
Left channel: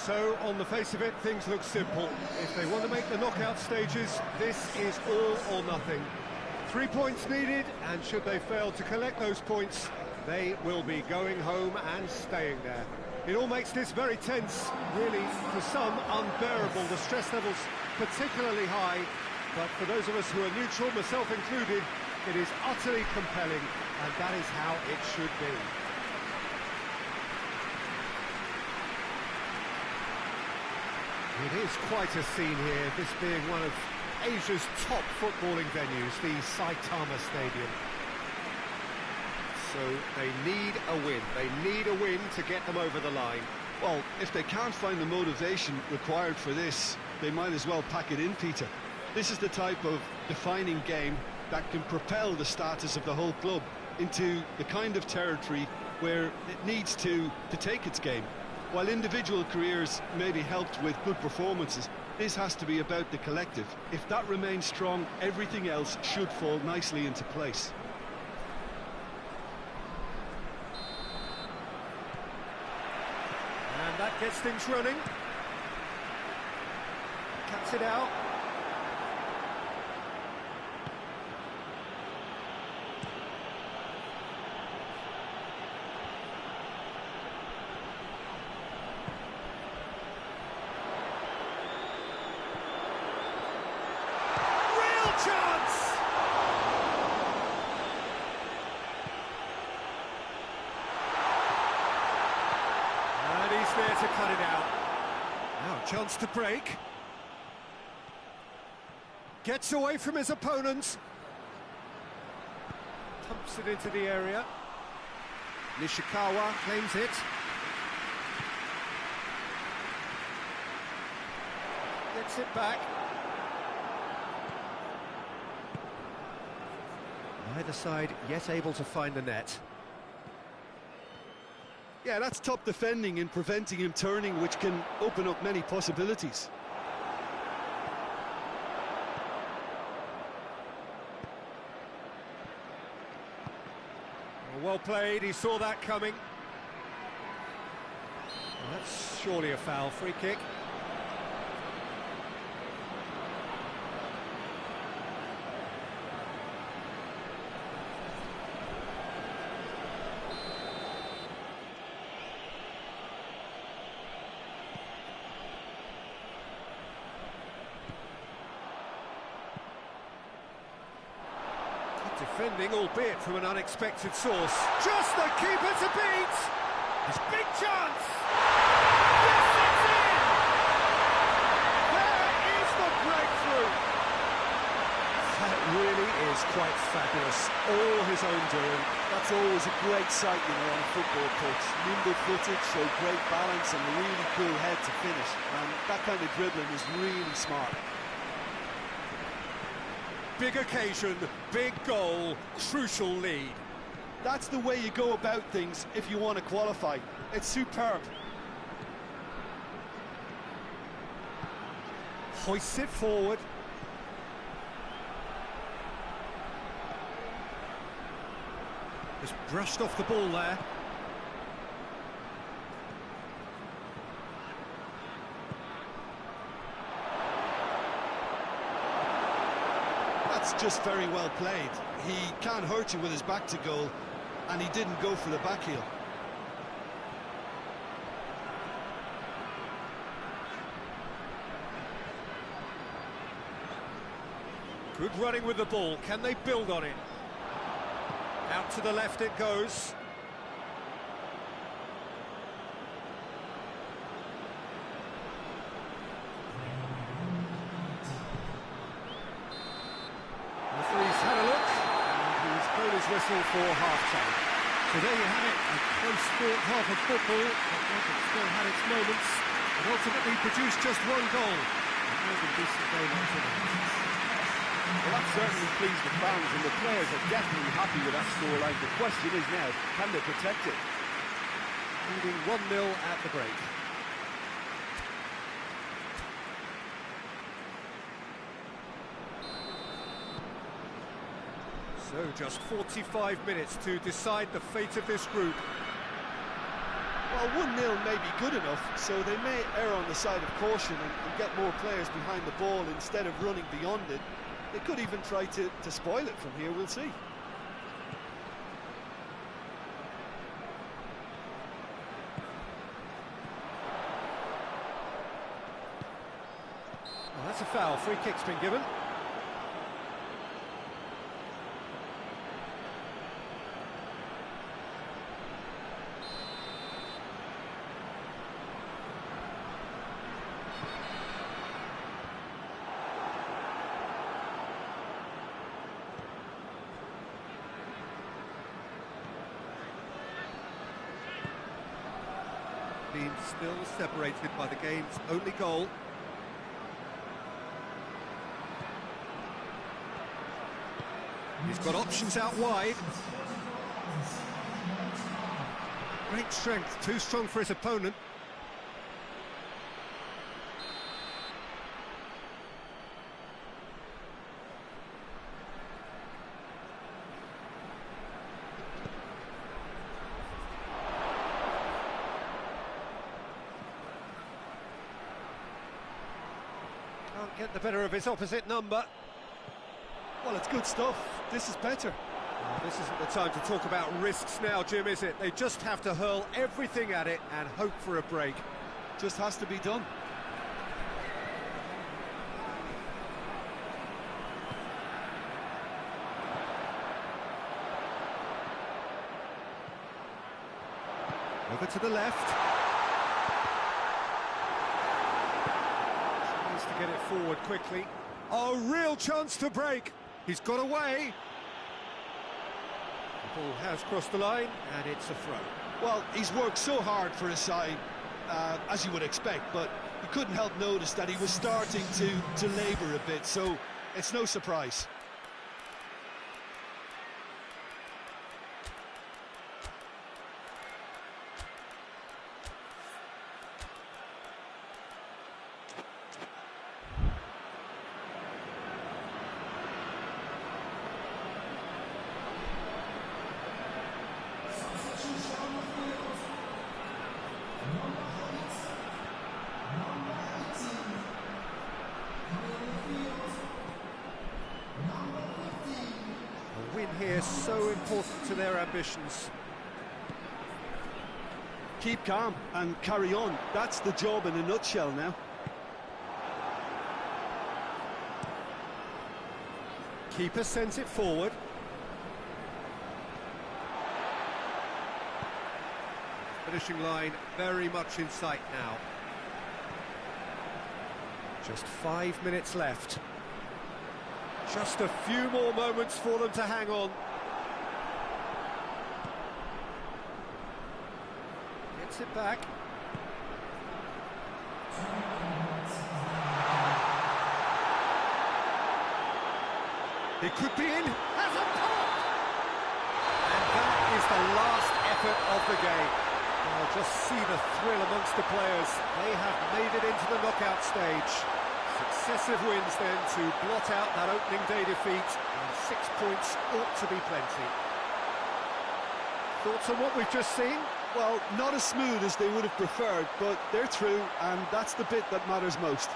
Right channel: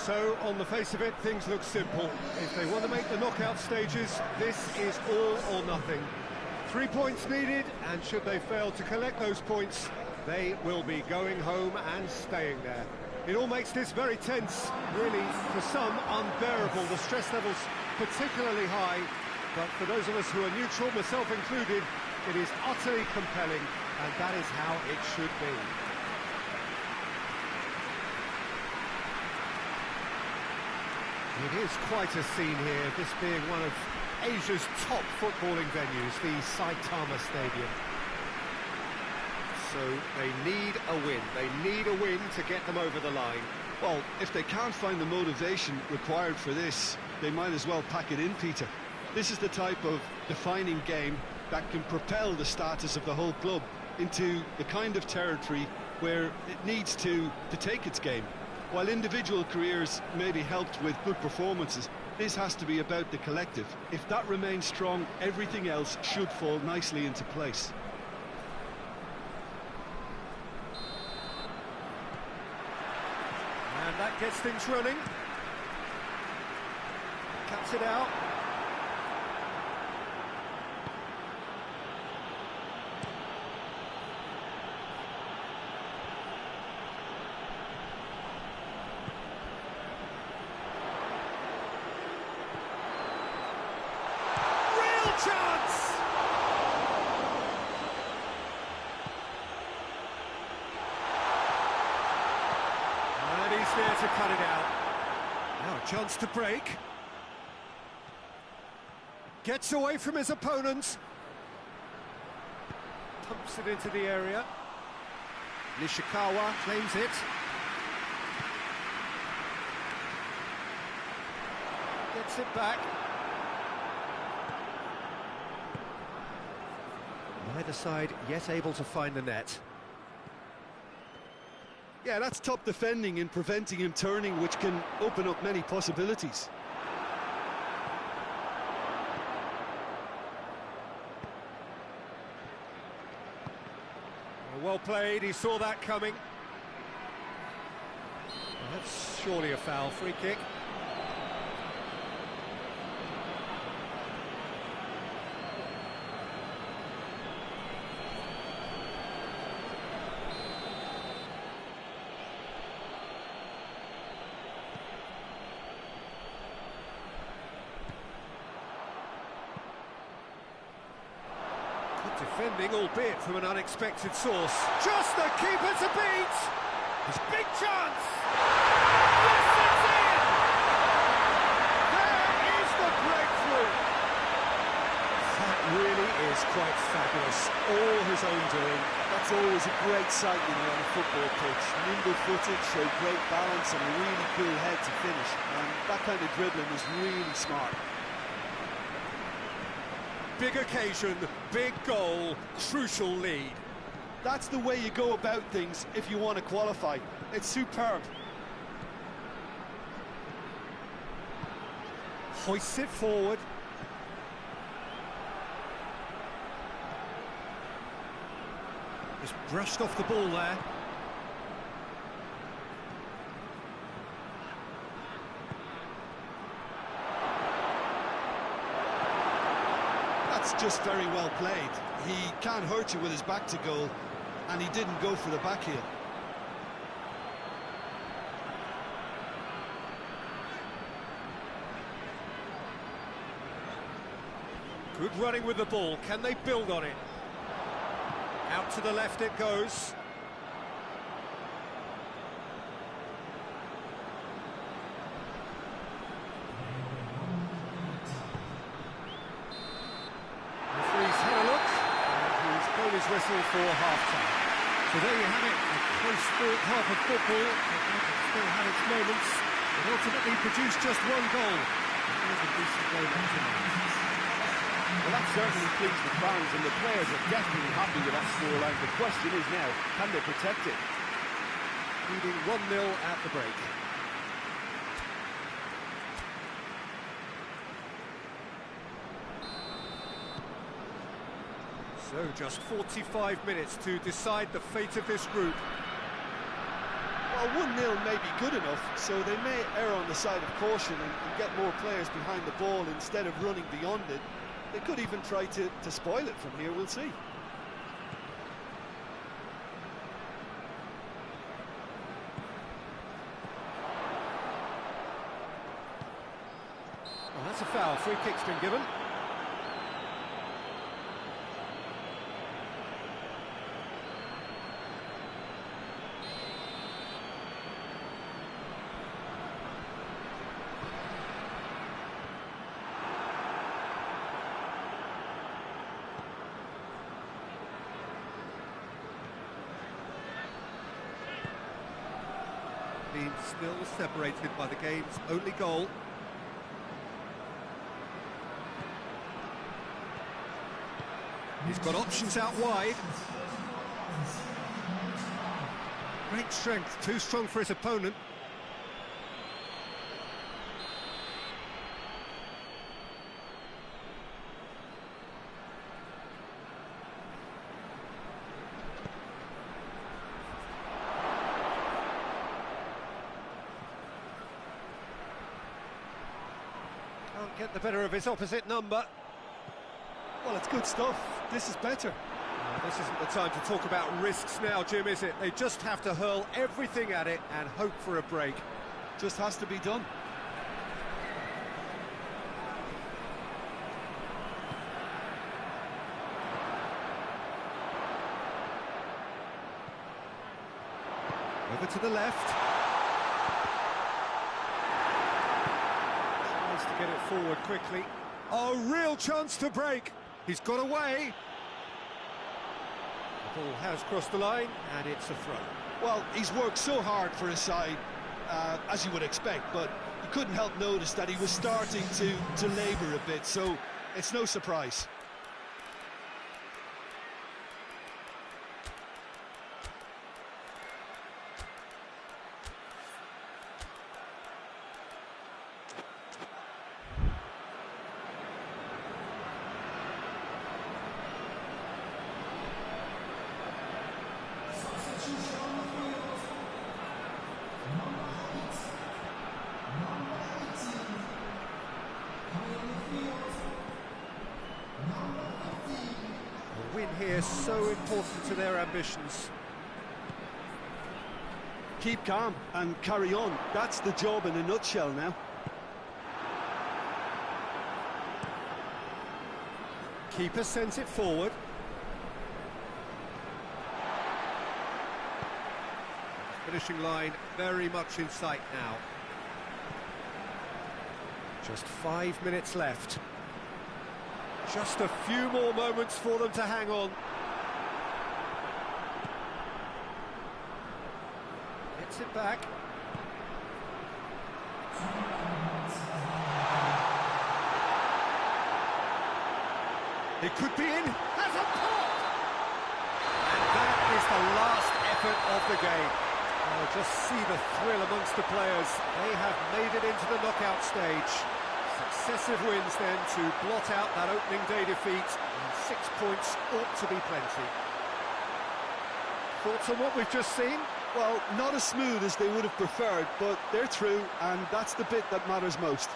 So, on the face of it, things look simple. If they want to make the knockout stages, this is all or nothing. 3 points needed, and should they fail to collect those points, they will be going home and staying there. It all makes this very tense, really, for some, unbearable. The stress level's particularly high, but for those of us who are neutral, myself included, it is utterly compelling, and that is how it should be. It is quite a scene here, this being one of Asia's top footballing venues, the Saitama Stadium. So they need a win. They need a win to get them over the line. Well, if they can't find the motivation required for this, they might as well pack it in, Peter. This is the type of defining game that can propel the status of the whole club into the kind of territory where it needs to take its game. While individual careers may be helped with good performances, this has to be about the collective. If that remains strong, everything else should fall nicely into place. And that gets things running. Cuts it out. Chance! And he's there to cut it out. Now a chance to break. Gets away from his opponent. Pumps it into the area. Nishikawa claims it. Gets it back. Neither side yet able to find the net. Yeah, that's top defending and preventing him turning, which can open up many possibilities. Well played, he saw that coming. Well, that's surely a foul, free kick. Defending, albeit from an unexpected source. Just the keeper to beat! His big chance! Yes, it's in! There is the breakthrough! That really is quite fabulous. All his own doing. That's always a great sight, you know, on a football pitch. Nimble-footed, showed great balance and a really cool head to finish. And that kind of dribbling is really smart. Big occasion, big goal, crucial lead. That's the way you go about things if you want to qualify. It's superb. Hoists it forward. Just brushed off the ball there. That's just very well played. He can't hurt you with his back to goal, and he didn't go for the back heel. Good running with the ball. Can they build on it? Out to the left it goes. Referee's had a look, and he's blown his whistle for half-time. So there you have it, a close-fought half of football, but it still had its moments. It ultimately produced just one goal. A more than decent game up to now. Well, that certainly pleased the fans, and the players are definitely happy with that scoreline. The question is now, can they protect it? Leading 1-0 at the break. So just 45 minutes to decide the fate of this group. Well, 1-0 may be good enough, so they may err on the side of caution and get more players behind the ball instead of running beyond it. They could even try to spoil it from here, we'll see. Well, that's a foul. Free kick's been given. Being still separated by the game's only goal. He's got options out wide. Great strength, too strong for his opponent. Can't get the better of his opposite number. Well, it's good stuff. This is better. This isn't the time to talk about risks now, Jim, is it? They just have to hurl everything at it and hope for a break. Just has to be done. Over to the left. Tries to get it forward quickly. Oh, real chance to break. He's got away. The ball has crossed the line, and it's a throw. Well, he's worked so hard for his side, as you would expect, but you couldn't help notice that he was starting to labour a bit, so it's no surprise. A win here so important to their ambitions. Keep calm and carry on. That's the job in a nutshell now. Keeper sends it forward. Finishing line very much in sight now. Just 5 minutes left. Just a few more moments for them to hang on. Gets it back. It could be in. Has a pop! And that is the last effort of the game. Well, just see the thrill amongst the players. They have made it into the knockout stage. Successive wins then to blot out that opening day defeat, and 6 points ought to be plenty. Thoughts on what we've just seen? Well, not as smooth as they would have preferred, but they're through, and that's the bit that matters most.